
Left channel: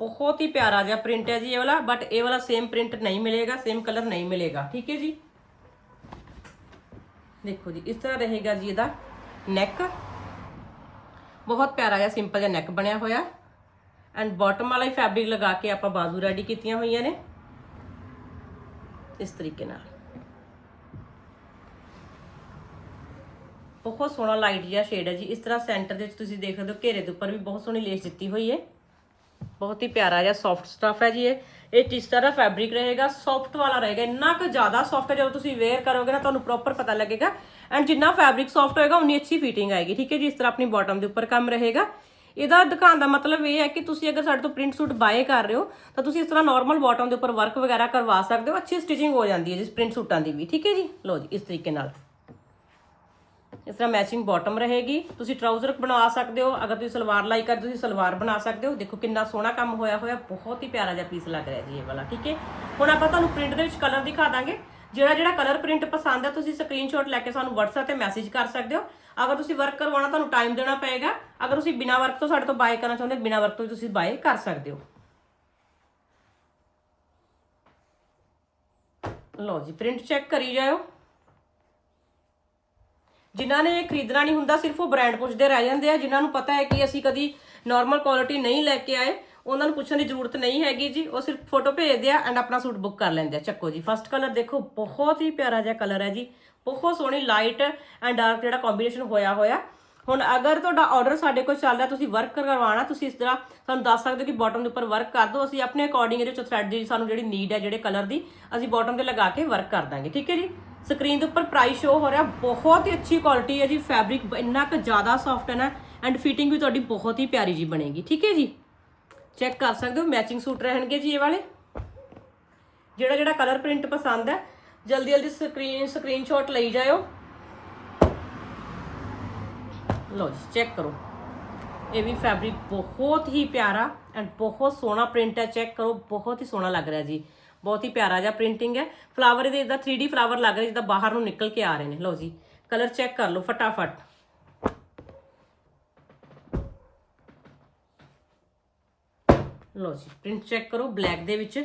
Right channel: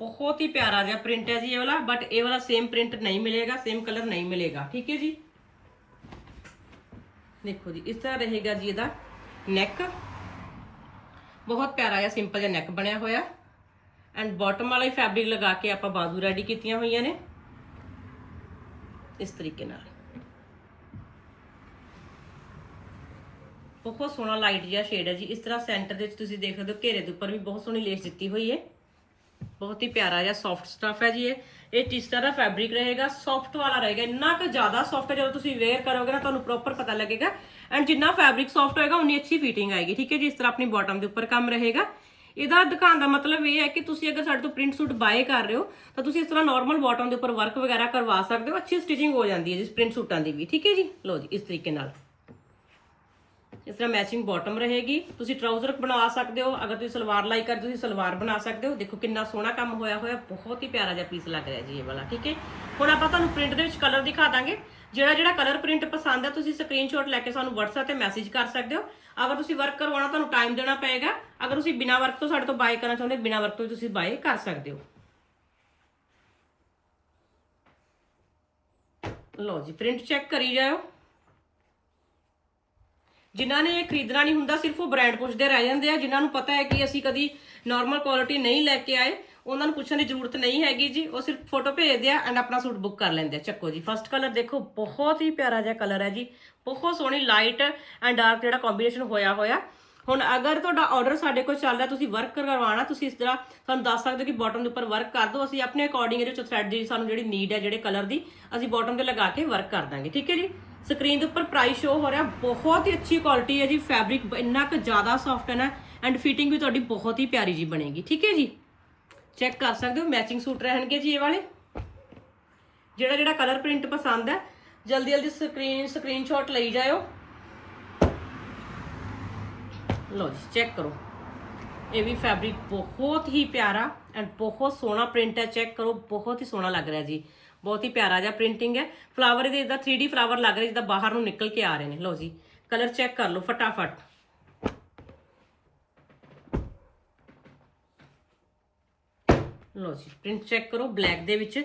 ਬਹੁਤ ਹੀ ਪਿਆਰਾ ਜਿਹਾ ਪ੍ਰਿੰਟ ਹੈ ਜੀ ਇਹ ਵਾਲਾ ਬਟ ਇਹ ਵਾਲਾ ਸੇਮ ਪ੍ਰਿੰਟ ਨਹੀਂ ਮਿਲੇਗਾ ਸੇਮ ਕਲਰ ਨਹੀਂ ਮਿਲੇਗਾ। ਠੀਕ ਹੈ ਜੀ? ਦੇਖੋ ਜੀ, ਇਸ ਤਰ੍ਹਾਂ ਰਹੇਗਾ ਜੀ ਇਹਦਾ ਨੈਕ ਬਹੁਤ ਪਿਆਰਾ ਜਿਹਾ ਸਿੰਪਲ ਜਿਹਾ ਨੈਕ ਬਣਿਆ ਹੋਇਆ। ਐਂਡ ਬਾਟਮ ਵਾਲਾ ਹੀ ਫੈਬਰਿਕ ਲਗਾ ਕੇ ਆਪਾਂ ਬਾਜ਼ੂ ਰੈਡੀ ਕੀਤੀਆਂ ਹੋਈਆਂ ਨੇ। ਇਸ ਤਰੀਕੇ ਨਾਲ। ਬਹੁਤ ਸੋਹਣਾ ਲਾਈਟ ਜਿਹਾ ਸ਼ੇਡ ਹੈ ਜੀ। ਇਸ ਤਰ੍ਹਾਂ ਸੈਂਟਰ ਦੇ ਵਿੱਚ ਤੁਸੀਂ ਦੇਖ ਸਕਦੇ ਹੋ ਘੇਰੇ ਦੇ ਉੱਪਰ ਵੀ ਬਹੁਤ ਸੋਹਣੀ ਲੇਸ ਦਿੱਤੀ ਹੋਈ ਹੈ। ਬਹੁਤ ਹੀ ਪਿਆਰਾ ਜਿਹਾ ਸੌਫਟ ਸਟਫ ਹੈ ਜੀ ਇਹ। ਇਹ ਜਿਸ ਤਰ੍ਹਾਂ ਫੈਬਰਿਕ ਰਹੇਗਾ? ਸੌਫਟ ਵਾਲਾ ਰਹੇਗਾ। ਇੰਨਾ ਕੁ ਜ਼ਿਆਦਾ ਸੌਫਟ ਹੈ, ਜਦੋਂ ਤੁਸੀਂ ਵੇਅਰ ਕਰੋਗੇ ਨਾ, ਤੁਹਾਨੂੰ ਪ੍ਰੋਪਰ ਪਤਾ ਲੱਗੇਗਾ। ਐਂਡ ਜਿੰਨਾ ਫੈਬਰਿਕ ਸੌਫਟ ਹੋਏਗਾ, ਉਨੀ ਅੱਛੀ ਫਿਟਿੰਗ ਆਏਗੀ। ਠੀਕ ਹੈ ਜੀ, ਇਸ ਤਰ੍ਹਾਂ ਆਪਣੀ ਬਾਟਮ ਦੇ ਉੱਪਰ ਕੰਮ ਰਹੇਗਾ। ਇਹਦਾ ਦਿਖਾਉਣ ਦਾ ਮਤਲਬ ਇਹ ਹੈ ਕਿ ਤੁਸੀਂ ਅਗਰ ਸਾਡੇ ਤੋਂ ਪ੍ਰਿੰਟ ਸੂਟ ਬਾਏ ਕਰ ਰਹੇ ਹੋ, ਤਾਂ ਤੁਸੀਂ ਇਸ ਤਰ੍ਹਾਂ ਨਾਰਮਲ ਬਾਟਮ ਦੇ ਉੱਪਰ ਵਰਕ ਵਗੈਰਾ ਕਰਵਾ ਸਕਦੇ ਹੋ। ਅੱਛੀ ਸਟਿਚਿੰਗ ਹੋ ਜਾਂਦੀ ਹੈ ਜਿਸ ਪ੍ਰਿੰਟ ਸੂਟਾਂ ਦੀ ਵੀ। ਠੀਕ ਹੈ ਜੀ? ਲਓ ਜੀ, ਇਸ ਤਰੀਕੇ ਨਾਲ। ਇਸ ਤਰ੍ਹਾਂ ਮੈਚਿੰਗ ਬਾਟਮ ਰਹੇਗੀ। ਤੁਸੀਂ ਟਰਾਊਜ਼ਰ ਬਣਾ ਸਕਦੇ ਹੋ। ਅਗਰ ਤੁਸੀਂ ਸਲਵਾਰ ਲਾਈ ਕਰ ਤੁਸੀਂ ਸਲਵਾਰ ਬਣਾ ਸਕਦੇ ਹੋ। ਦੇਖੋ ਕਿੰਨਾ ਸੋਹਣਾ ਕੰਮ ਹੋਇਆ ਹੋਇਆ, ਬਹੁਤ ਹੀ ਪਿਆਰਾ ਜਿਹਾ ਪੀਸ ਲੱਗ ਰਿਹਾ ਜੀ ਇਹ ਵਾਲਾ, ਠੀਕ ਹੈ? ਹੁਣ ਆਪਾਂ ਤੁਹਾਨੂੰ ਪ੍ਰਿੰਟ ਦੇ ਵਿੱਚ ਕਲਰ ਦਿਖਾ ਦਾਂਗੇ। ਜਿਹੜਾ ਜਿਹੜਾ ਕਲਰ ਪ੍ਰਿੰਟ ਪਸੰਦ ਹੈ, ਤੁਸੀਂ ਸਕਰੀਨਸ਼ਾਟ ਲੈ ਕੇ ਸਾਨੂੰ WhatsApp ਤੇ ਮੈਸੇਜ ਕਰ ਸਕਦੇ ਹੋ। ਅਗਰ ਤੁਸੀਂ ਵਰਕ ਕਰਵਾਉਣਾ, ਤੁਹਾਨੂੰ ਟਾਈਮ ਦੇਣਾ ਪਏਗਾ। ਅਗਰ ਤੁਸੀਂ ਬਿਨਾ ਵਰਕ ਤੋਂ ਸਾਡੇ ਤੋਂ ਬਾਏ ਕਰਨਾ ਚਾਹੁੰਦੇ, ਬਿਨਾ ਵਰਕ ਤੋਂ ਤੁਸੀਂ ਬਾਏ ਕਰ ਸਕਦੇ ਹੋ। ਲਓ ਜੀ ਪ੍ਰਿੰਟ ਚੈੱਕ ਕਰੀ ਜਾਓ ਜਿਨ੍ਹਾਂ ਨੇ ਇਹ ਖਰੀਦਣਾ ਨਹੀਂ ਹੁੰਦਾ, ਸਿਰਫ ਉਹ ਬ੍ਰਾਂਡ ਪੁੱਛਦੇ ਰਹਿ ਜਾਂਦੇ ਆ, ਜਿਨ੍ਹਾਂ ਨੂੰ ਪਤਾ ਹੈ ਕਿ ਅਸੀਂ ਕਦੀ ਨਾਰਮਲ ਕੁਆਲਿਟੀ ਨਹੀਂ ਲੈ ਕੇ ਆਏ, ਉਹਨਾਂ ਨੂੰ ਪੁੱਛਣ ਦੀ ਜ਼ਰੂਰਤ ਨਹੀਂ ਹੈਗੀ ਜੀ, ਉਹ ਸਿਰਫ ਫੋਟੋ ਭੇਜਦੇ ਆ ਐਂਡ ਆਪਣਾ ਸੂਟ ਬੁੱਕ ਕਰ ਲੈਂਦੇ ਆ। ਚੱਕੋ ਜੀ ਫਸਟ ਕਲਰ ਦੇਖੋ, ਬਹੁਤ ਹੀ ਪਿਆਰਾ ਜਿਹਾ ਕਲਰ ਹੈ ਜੀ, ਬਹੁਤ ਸੋਹਣੀ ਲਾਈਟ ਐਂਡ ਡਾਰਕ ਜਿਹੜਾ ਕੰਬੀਨੇਸ਼ਨ ਹੋਇਆ ਹੋਇਆ। ਹੁਣ ਅਗਰ ਤੁਹਾਡਾ ਆਰਡਰ ਸਾਡੇ ਕੋਲ ਚੱਲ ਰਿਹਾ, ਤੁਸੀਂ ਵਰਕ ਕਰਵਾਉਣਾ, ਤੁਸੀਂ ਇਸ ਤਰ੍ਹਾਂ ਸਾਨੂੰ ਦੱਸ ਸਕਦੇ ਹੋ ਕਿ ਬਾਟਮ ਦੇ ਉੱਪਰ ਵਰਕ ਕਰ ਦਿਓ। ਅਸੀਂ ਆਪਣੇ ਅਕੋਰਡਿੰਗ ਇਹਦੇ ਵਿੱਚ ਥ੍ਰੈਡ ਦੀ ਸਾਨੂੰ ਜਿਹੜੀ ਨੀਡ ਹੈ, ਜਿਹੜੇ ਕਲਰ ਦੀ, ਅਸੀਂ ਬਾਟਮ ਤੇ ਲਗਾ ਕੇ ਵਰਕ ਕਰ ਦਾਂਗੇ। ਠੀਕ ਹੈ ਜੀ? ਸਕਰੀਨ ਦੇ ਉੱਪਰ ਪ੍ਰਾਈਸ ਸ਼ੋ ਹੋ ਰਿਹਾ, ਬਹੁਤ ਹੀ ਅੱਛੀ ਕੁਆਲਿਟੀ ਹੈ ਜੀ ਫੈਬਰਿਕ ਇੰਨਾ ਕੁ ਜ਼ਿਆਦਾ ਸੌਫਟ ਹੈ ਨਾ ਐਂਡ ਫਿਟਿੰਗ ਵੀ ਤੁਹਾਡੀ ਬਹੁਤ ਹੀ ਪਿਆਰੀ ਜੀ ਬਣੇਗੀ। ਠੀਕ ਹੈ ਜੀ? ਚੈੱਕ ਕਰ ਸਕਦੇ ਹੋ ਮੈਚਿੰਗ ਸੂਟ ਰਹਿਣਗੇ ਜੀ ਇਹ ਵਾਲੇ। ਜਿਹੜਾ ਜਿਹੜਾ ਕਲਰ ਪ੍ਰਿੰਟ ਪਸੰਦ ਹੈ ਜਲਦੀ ਜਲਦੀ ਸਕਰੀਨ ਸਕਰੀਨਸ਼ਾਟ ਲਈ ਜਾਇਓ। ਲਓ ਜੀ ਚੈੱਕ ਕਰੋ। ਇਹ ਵੀ ਫੈਬਰਿਕ ਬਹੁਤ ਹੀ ਪਿਆਰਾ ਐਂਡ ਬਹੁਤ ਸੋਹਣਾ ਪ੍ਰਿੰਟ ਹੈ ਚੈੱਕ ਕਰੋ, ਬਹੁਤ ਹੀ ਸੋਹਣਾ ਲੱਗ ਰਿਹਾ ਜੀ। ਬਹੁਤ ਹੀ ਪਿਆਰਾ ਜਿਹਾ ਪ੍ਰਿੰਟਿੰਗ ਹੈ। ਫਲਾਵਰ ਦੇ ਇਦਾਂ 3D ਫਲਾਵਰ ਲੱਗ ਰਿਹਾ, ਜਿੱਦਾਂ ਬਾਹਰ ਨੂੰ ਨਿਕਲ ਕੇ ਆ ਰਹੇ ਨੇ। ਲਓ ਜੀ ਕਲਰ ਚੈੱਕ ਕਰ ਲਓ ਫਟਾਫਟ। ਲਓ ਜੀ ਪ੍ਰਿੰਟ ਚੈੱਕ ਕਰੋ ਬਲੈਕ ਦੇ ਵਿੱਚ।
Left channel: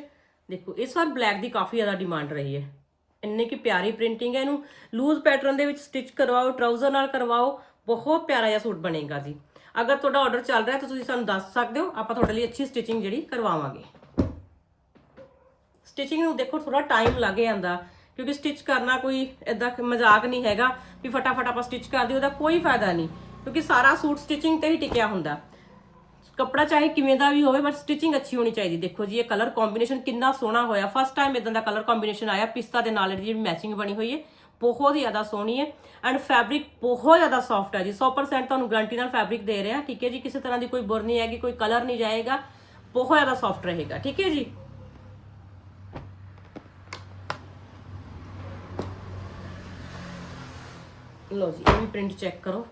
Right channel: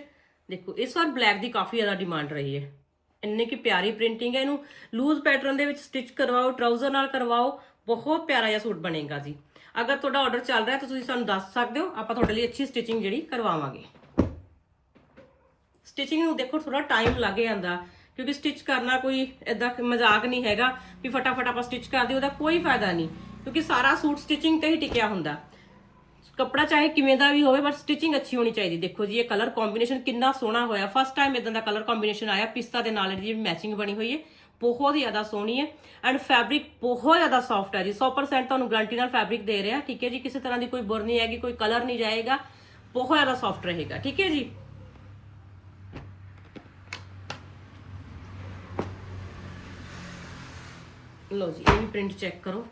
ਦੇਖੋ, ਇਸ ਵਾਰ ਬਲੈਕ ਦੀ ਕਾਫੀ ਜ਼ਿਆਦਾ ਡਿਮਾਂਡ ਰਹੀ ਹੈ। ਇੰਨੇ ਕੀ ਪਿਆਰੀ ਪ੍ਰਿੰਟਿੰਗ ਹੈ ਇਹਨੂੰ। ਲੂਜ਼ ਪੈਟਰਨ ਦੇ ਵਿੱਚ ਸਟਿਚ ਕਰਵਾਓ ਟਰਾਊਜ਼ਰ ਨਾਲ ਕਰਵਾਓ ਬਹੁਤ ਪਿਆਰਾ ਜਿਹਾ ਸੂਟ ਬਣੇਗਾ ਜੀ। ਅਗਰ ਤੁਹਾਡਾ ਆਰਡਰ ਚੱਲ ਰਿਹਾ ਤਾਂ ਤੁਸੀਂ ਸਾਨੂੰ ਦੱਸ ਸਕਦੇ ਹੋ, ਆਪਾਂ ਤੁਹਾਡੇ ਲਈ ਅੱਛੀ ਸਟਿਚਿੰਗ ਜਿਹੜੀ ਕਰਵਾਵਾਂਗੇ। ਸਟਿਚਿੰਗ ਨੂੰ ਦੇਖੋ ਥੋੜਾ ਟਾਈਮ ਲੱਗ ਜਾਂਦਾ, ਕਿਉਂਕਿ ਸਟਿਚ ਕਰਨਾ ਕੋਈ ਇਦਾਂ ਮਜ਼ਾਕ ਨਹੀਂ ਹੈਗਾ ਵੀ ਫਟਾਫਟ ਆਪਾਂ ਸਟਿਚ ਕਰ ਦਿਓ ਉਹਦਾ ਕੋਈ ਫਾਇਦਾ ਨਹੀਂ, ਕਿਉਂਕਿ ਸਾਰਾ ਸੂਟ ਸਟਿਚਿੰਗ ਤੇ ਹੀ ਟਿਕਿਆ ਹੁੰਦਾ। ਕੱਪੜਾ ਚਾਹੇ ਕਿਵੇਂ ਦਾ ਵੀ ਹੋਵੇ ਬਟ ਸਟਿਚਿੰਗ ਅੱਛੀ ਹੋਣੀ ਚਾਹੀਦੀ। ਦੇਖੋ ਜੀ, ਇਹ ਕਲਰ ਕੰਬੀਨੇਸ਼ਨ ਕਿੰਨਾ ਸੋਹਣਾ ਹੋਇਆ। ਫਸਟ ਟਾਈਮ ਇਦਾਂ ਦਾ ਕਲਰ ਕੰਬੀਨੇਸ਼ਨ ਆਇਆ, ਪਿਸਤਾ ਦੇ ਨਾਲ ਜਿਹੜੀ ਮੈਚਿੰਗ ਬਣੀ ਹੋਈ ਹੈ। ਬਹੁਤ ਹੀ ਜ਼ਿਆਦਾ ਸੋਹਣੀ ਹੈ ਐਂਡ ਫੈਬਰਿਕ ਬਹੁਤ ਜ਼ਿਆਦਾ ਸੌਫਟ ਹੈ ਜੀ। 100% ਤੁਹਾਨੂੰ ਗਾਰੰਟੀ ਨਾਲ ਫੈਬਰਿਕ ਦੇ ਰਿਹਾ, ਠੀਕ ਹੈ ਜੀ। ਕਿਸੇ ਤਰ੍ਹਾਂ ਦੀ ਕੋਈ ਬੁਰ ਨਹੀਂ ਹੈਗੀ, ਕੋਈ ਕਲਰ ਨਹੀਂ ਜਾਏਗਾ, ਬਹੁਤ ਜ਼ਿਆਦਾ ਸੌਫਟ ਰਹੇਗਾ, ਠੀਕ ਹੈ ਜੀ। ਲੋ ਜੀ, ਇਹ ਵੀ ਪ੍ਰਿੰਟ ਚੈੱਕ ਕਰੋ।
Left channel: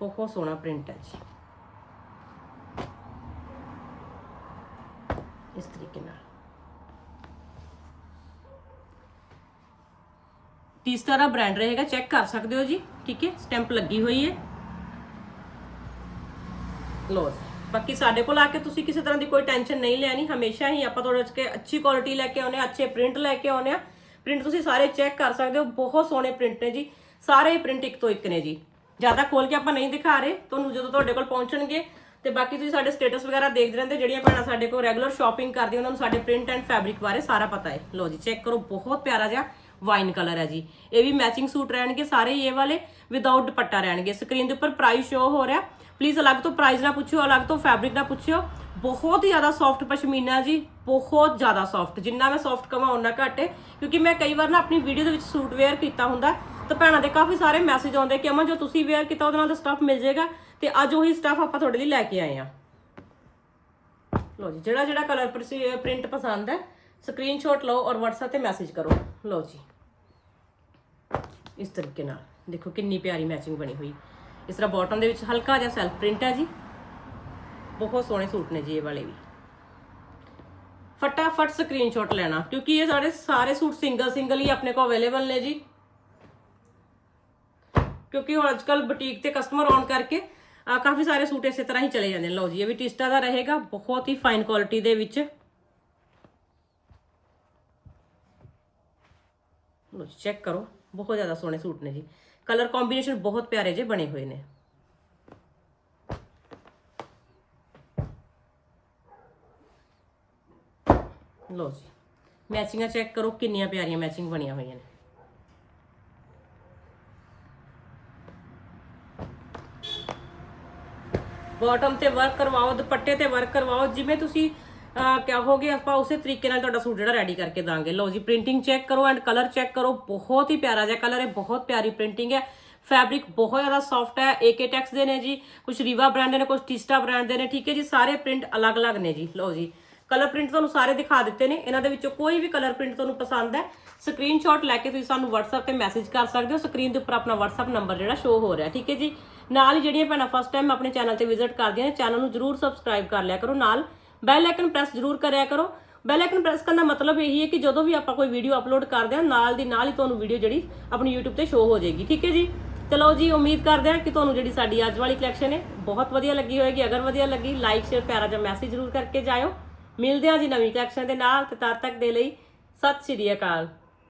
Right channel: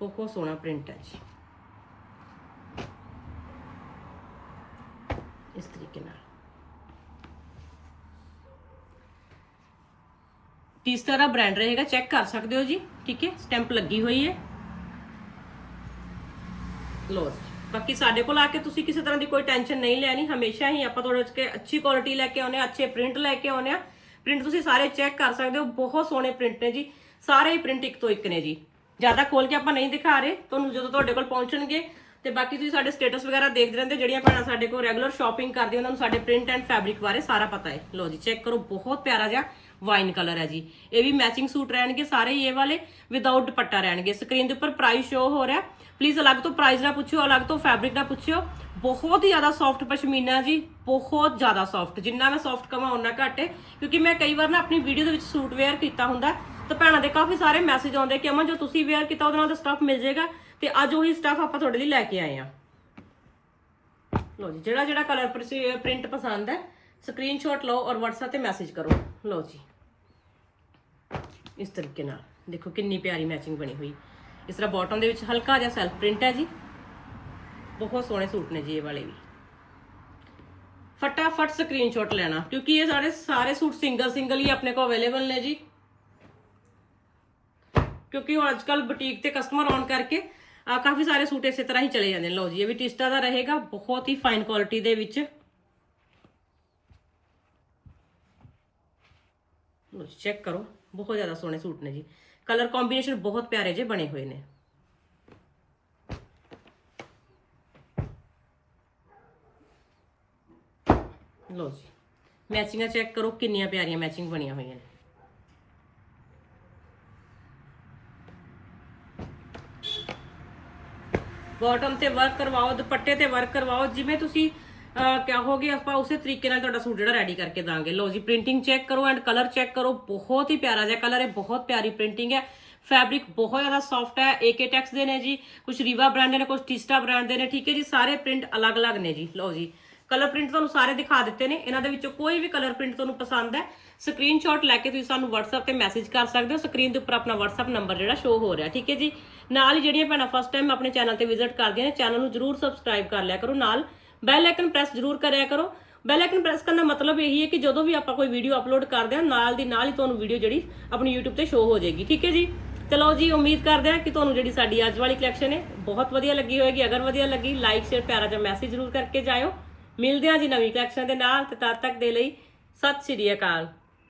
ਬਹੁਤ ਸੋਹਣਾ ਪ੍ਰਿੰਟ ਹੈ ਜੀ। ਇਸ ਤਰੀਕੇ ਨਾਲ। ਤੀਸਰਾ ਦਾ ਬ੍ਰਾਂਡ ਰਹੇਗਾ ਚੈੱਕ ਕਰ ਸਕਦੇ ਹੋ ਜੀ, ਠੀਕ ਹੈ? ਸਟੈਂਪ ਲੱਗੀ ਹੋਈ ਹੈ। ਲੋ ਜੀ, ਬਾਕੀ ਸਾਡੇ ਕੋਲ ਆ ਕੇ ਤੁਸੀਂ ਕਿਸੇ ਤਰ੍ਹਾਂ ਦੀ ਕੋਈ ਟੈਨਸ਼ਨ ਨਹੀਂ ਲੈਣੀ, ਹਮੇਸ਼ਾ ਹੀ ਆਪਾਂ ਤੁਹਾਡੇ ਕੇ ਅੱਛੀ ਕੁਆਲਿਟੀ ਲੈ ਕੇ ਆਉਨੇ ਆ ਅੱਛੇ ਪ੍ਰਿੰਟ ਲੈ ਕੇ ਆਉਨੇ ਆ ਪ੍ਰਿੰਟ ਤੁਸੀਂ ਸਾਰੇ ਚੈੱਕ ਕਰ ਸਕਦੇ ਹੋ, ਬਹੁਤ ਸੋਹਣੇ ਪ੍ਰਿੰਟ ਨੇ ਜੀ, ਸਾਰੇ ਹੀ ਪ੍ਰਿੰਟ ਇੱਕ ਤੋਂ ਇੱਕ ਨੇ ਜੀ। ਜ਼ਿਆਦਾ ਖੋਲ ਕੇ ਆਪਾਂ ਨਹੀਂ ਦਿਖਾ ਰਹੇ, ਤੁਹਾਨੂੰ ਜਦੋਂ ਤੁਹਾਡੇ ਕੋਲ ਪਹੁੰਚਣਗੇ, ਤੇ ਬਾਕੀ ਤੁਸੀਂ ਸਾਡੇ ਸਟੇਟਸ ਵਗੈਰਾ ਦੇਖਦੇ ਰਹਿੰਦੇ, ਜਿਹੜੀਆਂ ਭੈਣਾਂ ਸਾਡੇ ਕੋਲ ਰੈਗੂਲਰ ਸ਼ਾਪਿੰਗ ਕਰਦੀਆਂ, ਉਹਨਾਂ ਨੂੰ ਸਾਡੇ ਪ੍ਰਿੰਟ ਐਂਡ ਫੈਬਰਿਕ ਬਾਰੇ ਸਾਰਾ ਪਤਾ ਹੈ। ਲੋ ਜੀ ਚੈੱਕ ਕਰੋ, ਬਹੁਤ ਪਿਆਰਾ ਜਿਹਾ ਵਾਈਨ ਕਲਰ ਹੈ ਜੀ। ਇਹ ਵੀ ਮੈਚਿੰਗ ਸੂਟ ਰਹਿਣਗੇ ਸਾਰੇ ਹੀ ਇਹ ਵਾਲੇ ਵਿਦਆਊਟ ਦੁਪੱਟਾ ਰਹਿਣਗੇ। ਸਕਰੀਨ ਦੇ ਉੱਪਰ ਪ੍ਰਾਈਸ ਸ਼ੋ ਹੋ ਰਿਹਾ। ਪਲੀਜ਼ ਅਲੱਗ ਤੋਂ ਪ੍ਰਾਈਸ ਨਾ ਪੁੱਛਿਓ, ਅਲੱਗ ਤੋਂ ਫੈਬਰਿਕ ਨਾ ਪੁੱਛਿਓ। ਬਹੁਤ ਹੀ ਜ਼ਿਆਦਾ ਸੌਫਟ ਪਸ਼ਮੀਨਾ ਜੀ, ਬਹੁਤ ਜ਼ਿਆਦਾ ਸੌਫਟ ਜਿੰਨਾ ਮੈਂ ਸੌਫਟ ਕਵਾਂ ਉਹਨਾਂ ਘੱਟ ਹੈ। ਕਿਉਂਕਿ ਮੈਂ ਕਈ ਵਾਰ ਨਾ ਆਪਣੀ ਵੀਡੀਓ ਦੇ ਵਿੱਚ ਸੂਟ ਵੇਅਰ ਕੀਤਾ ਹੁੰਦਾ। ਤਾਂ ਭੈਣਾਂ ਦੇ ਕਾਫੀ ਸਾਰੇ ਮੈਸੇਜ ਆਉਂਦੇ ਕਿ, ਅਮਨ, ਜੋ ਤੁਸੀਂ ਵੇਅਰ ਕੀਤਾ, ਉਹਦੇ ਨਾਲ ਦਾ ਸਟਫ ਮਿਲ ਜਾਏਗਾ। ਤੇ ਅੱਜ ਉਹੀ ਸਟਫ ਆਪਾਂ ਤੁਹਾਡੇ ਲਈ ਲੈ ਕੇ ਆਏ ਆ ਲਓ ਜੀ ਜਿਹੜਾ ਜਿਹੜਾ ਕਲਰ ਪ੍ਰਿੰਟ ਪਸੰਦ ਹੈ ਸਕਰੀਨਸ਼ਾਟ ਲਓ ਔਰ WhatsApp ਤੇ ਮੈਸੇਜ ਕਰੋ। ਲਓ ਜੀ। ਇਸ ਤਰੀਕੇ ਨਾਲ। ਦੇਖੋ ਕਿੰਨੀ ਪਿਆਰੀ ਮੈਚਿੰਗ ਬਣੀ ਹੋਈ। ਇਸ ਤਰ੍ਹਾਂ ਬਾਟਮ ਦੇ ਵਿੱਚ ਹਲਕਾ ਜਿਹਾ ਸੈਲਫ ਪ੍ਰਿੰਟ ਹੈ ਜੀ। ਬਹੁਤ ਸੋਹਣੇ ਸੂਟ ਨੇ ਜੀ ਇਹ ਵਾਲੇ ਵੀ। ਫਟਾਫਟ ਸਕਰੀਨਸ਼ਾਟ ਲੈਣਾ, ਕਿਉਂਕਿ ਇਹ ਸਾਰੇ ਸਾਰੇ ਸੂਟ ਸਿੰਗਲ ਸਿੰਗਲ ਹੀ ਆਪਣੇ ਕੋਲ ਅਵੇਲੇਬਲ ਨੇ ਜੀ। ਕਿਉਂਕਿ ਹੁਣ ਅੱਜਕੱਲ ਬੁਟੀਕ ਤੇ ਕਸਟਮਰ ਆਉਣ ਕਰਕੇ ਕਾਫੀ ਸਾਰੇ ਸੂਟ ਇਸੇ ਤਰ੍ਹਾਂ ਹੀ ਚਲੇ ਜਾਂਦੇ ਨੇ। ਲਓ ਜੀ, ਇਹ ਵੀ ਟਿਸਟਾ ਦਾ ਰਹੇਗਾ। ਬਹੁਤ ਹੀ ਫਾਈਨ ਕੁਆਲਿਟੀ ਦੇ ਵਿੱਚ। ਲਓ ਚੈੱਕ ਕਰੋ। ਬਹੁਤ ਜ਼ਿਆਦਾ ਸੋਹਣੇ ਸੂਟ ਨੇ ਜੀ। ਕਲਰ ਕੰਬੀਨੇਸ਼ਨ ਬਹੁਤ ਪਿਆਰੇ ਜੇ ਬਣੇ ਹੋਏ ਨੇ। ਲਓ ਜੀ ਮੈਚਿੰਗਾਂ ਚੈੱਕ ਕਰੋ, ਕਿੰਨੀਆਂ ਪਿਆਰੀਆਂ ਮੈਚਿੰਗ ਬਣੀਆਂ ਹੋਈਆਂ ਨੇ। ਬਾਟਮ ਤੇ ਵਰਕ ਕਰਵਾਓ, ਦੁਪੱਟੇ ਤੇ ਵਰਕ ਕਰਵਾਓ, ਜਿਵੇਂ ਤੁਸੀਂ ਕਹੋਗੇ ਆਪਾਂ ਉਸੇ ਤਰੀਕੇ ਨਾਲ ਤੁਹਾਡਾ ਸੂਟ ਜਿਹੜਾ ਰੈਡੀ ਕਰਕੇ ਦਾਂਗੇ। ਲਓ ਜੀ ਪ੍ਰਿੰਟਿੰਗ ਚੈੱਕ ਕਰੋ ਐਂਡ ਕਲਰ ਚੈੱਕ ਕਰੋ। ਬਹੁਤ ਹੀ ਪਿਆਰਾ ਜਿਹਾ ਕਲਰ ਹੈ, ਬਹੁਤ ਪਿਆਰੀ ਪ੍ਰਿੰਟਿੰਗ ਹੈ। ਫੈਬਰਿਕ ਬਹੁਤ ਜ਼ਿਆਦਾ ਸੌਫਟ ਹੈ ਏਕੇ ਟੈਕਸ ਦੇ ਨੇ ਜੀ ਕੁਝ ਰੀਵਾ ਬ੍ਰਾਂਡ ਦੇ ਨੇ ਕੁਝ ਟਿਸਟਾ ਬ੍ਰਾਂਡ ਦੇ ਨੇ, ਠੀਕ ਹੈ ਜੀ, ਸਾਰੇ ਪ੍ਰਿੰਟ ਅਲੱਗ-ਅਲੱਗ ਨੇ ਜੀ। ਲਓ ਜੀ ਕਲਰ ਪ੍ਰਿੰਟ ਤੁਹਾਨੂੰ ਸਾਰੇ ਦਿਖਾ ਦਿੱਤੇ ਨੇ। ਇਹਨਾਂ ਦੇ ਵਿੱਚੋਂ ਕੋਈ ਵੀ ਕਲਰ ਪ੍ਰਿੰਟ ਤੁਹਾਨੂੰ ਪਸੰਦ ਹੈ ਸਕਰੀਨਸ਼ਾਟ ਲੈ ਕੇ ਤੁਸੀਂ ਸਾਨੂੰ WhatsApp ਤੇ ਮੈਸੇਜ ਕਰ ਸਕਦੇ ਹੋ। ਸਕਰੀਨ ਦੇ ਉੱਪਰ ਆਪਣਾ WhatsApp ਨੰਬਰ ਜਿਹੜਾ ਸ਼ੋ ਹੋ ਰਿਹਾ, ਠੀਕ ਹੈ ਜੀ। ਨਾਲ ਹੀ ਜਿਹੜੀਆਂ ਭੈਣਾਂ ਫਸਟ ਟਾਈਮ ਆਪਣੇ ਚੈਨਲ ਤੇ ਵਿਜ਼ਿਟ ਕਰਦੀਆਂ ਨੇ ਚੈਨਲ ਨੂੰ ਜਰੂਰ ਸਬਸਕ੍ਰਾਈਬ ਕਰ ਲਿਆ ਕਰੋ। ਨਾਲ ਬੈਲ ਆਈਕਨ ਪ੍ਰੈਸ ਜਰੂਰ ਕਰਿਆ ਕਰੋ। ਬੈਲ ਆਈਕਨ ਪ੍ਰੈਸ ਕਰਨ ਦਾ ਮਤਲਬ ਇਹੀ ਹੈ ਕਿ ਜਦੋਂ ਵੀ ਆਪਾਂ ਕੋਈ ਵੀਡੀਓ ਅਪਲੋਡ ਕਰਦੇ ਹਾਂ, ਨਾਲ ਦੀ ਨਾਲ ਹੀ ਤੁਹਾਨੂੰ ਵੀਡੀਓ ਜਿਹੜੀ ਆਪਣੀ YouTube ਤੇ ਸ਼ੋ ਹੋ ਜਾਏਗੀ। ਠੀਕ ਹੈ ਜੀ? ਚਲੋ ਜੀ, ਉਮੀਦ ਕਰਦੇ ਹਾਂ ਕਿ ਤੁਹਾਨੂੰ ਜਿਹੜੀ ਸਾਡੀ ਅੱਜ ਵਾਲੀ ਕਲੈਕਸ਼ਨ ਹੈ, ਬਹੁਤ ਵਧੀਆ ਲੱਗੀ ਹੋਏਗੀ। ਅਗਰ ਵਧੀਆ ਲੱਗੀ ਲਾਈਕ ਸ਼ੇਅਰ ਪਿਆਰਾ ਜਿਹਾ ਮੈਸੇਜ ਜ਼ਰੂਰ ਕਰਕੇ ਜਾਇਓ। ਮਿਲਦੇ ਹਾਂ ਜੀ ਨਵੀਂ ਕਲੈਕਸ਼ਨ ਦੇ ਨਾਲ ਤੇ ਤਦ ਤੱਕ ਦੇ ਲਈ ਸਤਿ ਸ਼੍ਰੀ ਅਕਾਲ।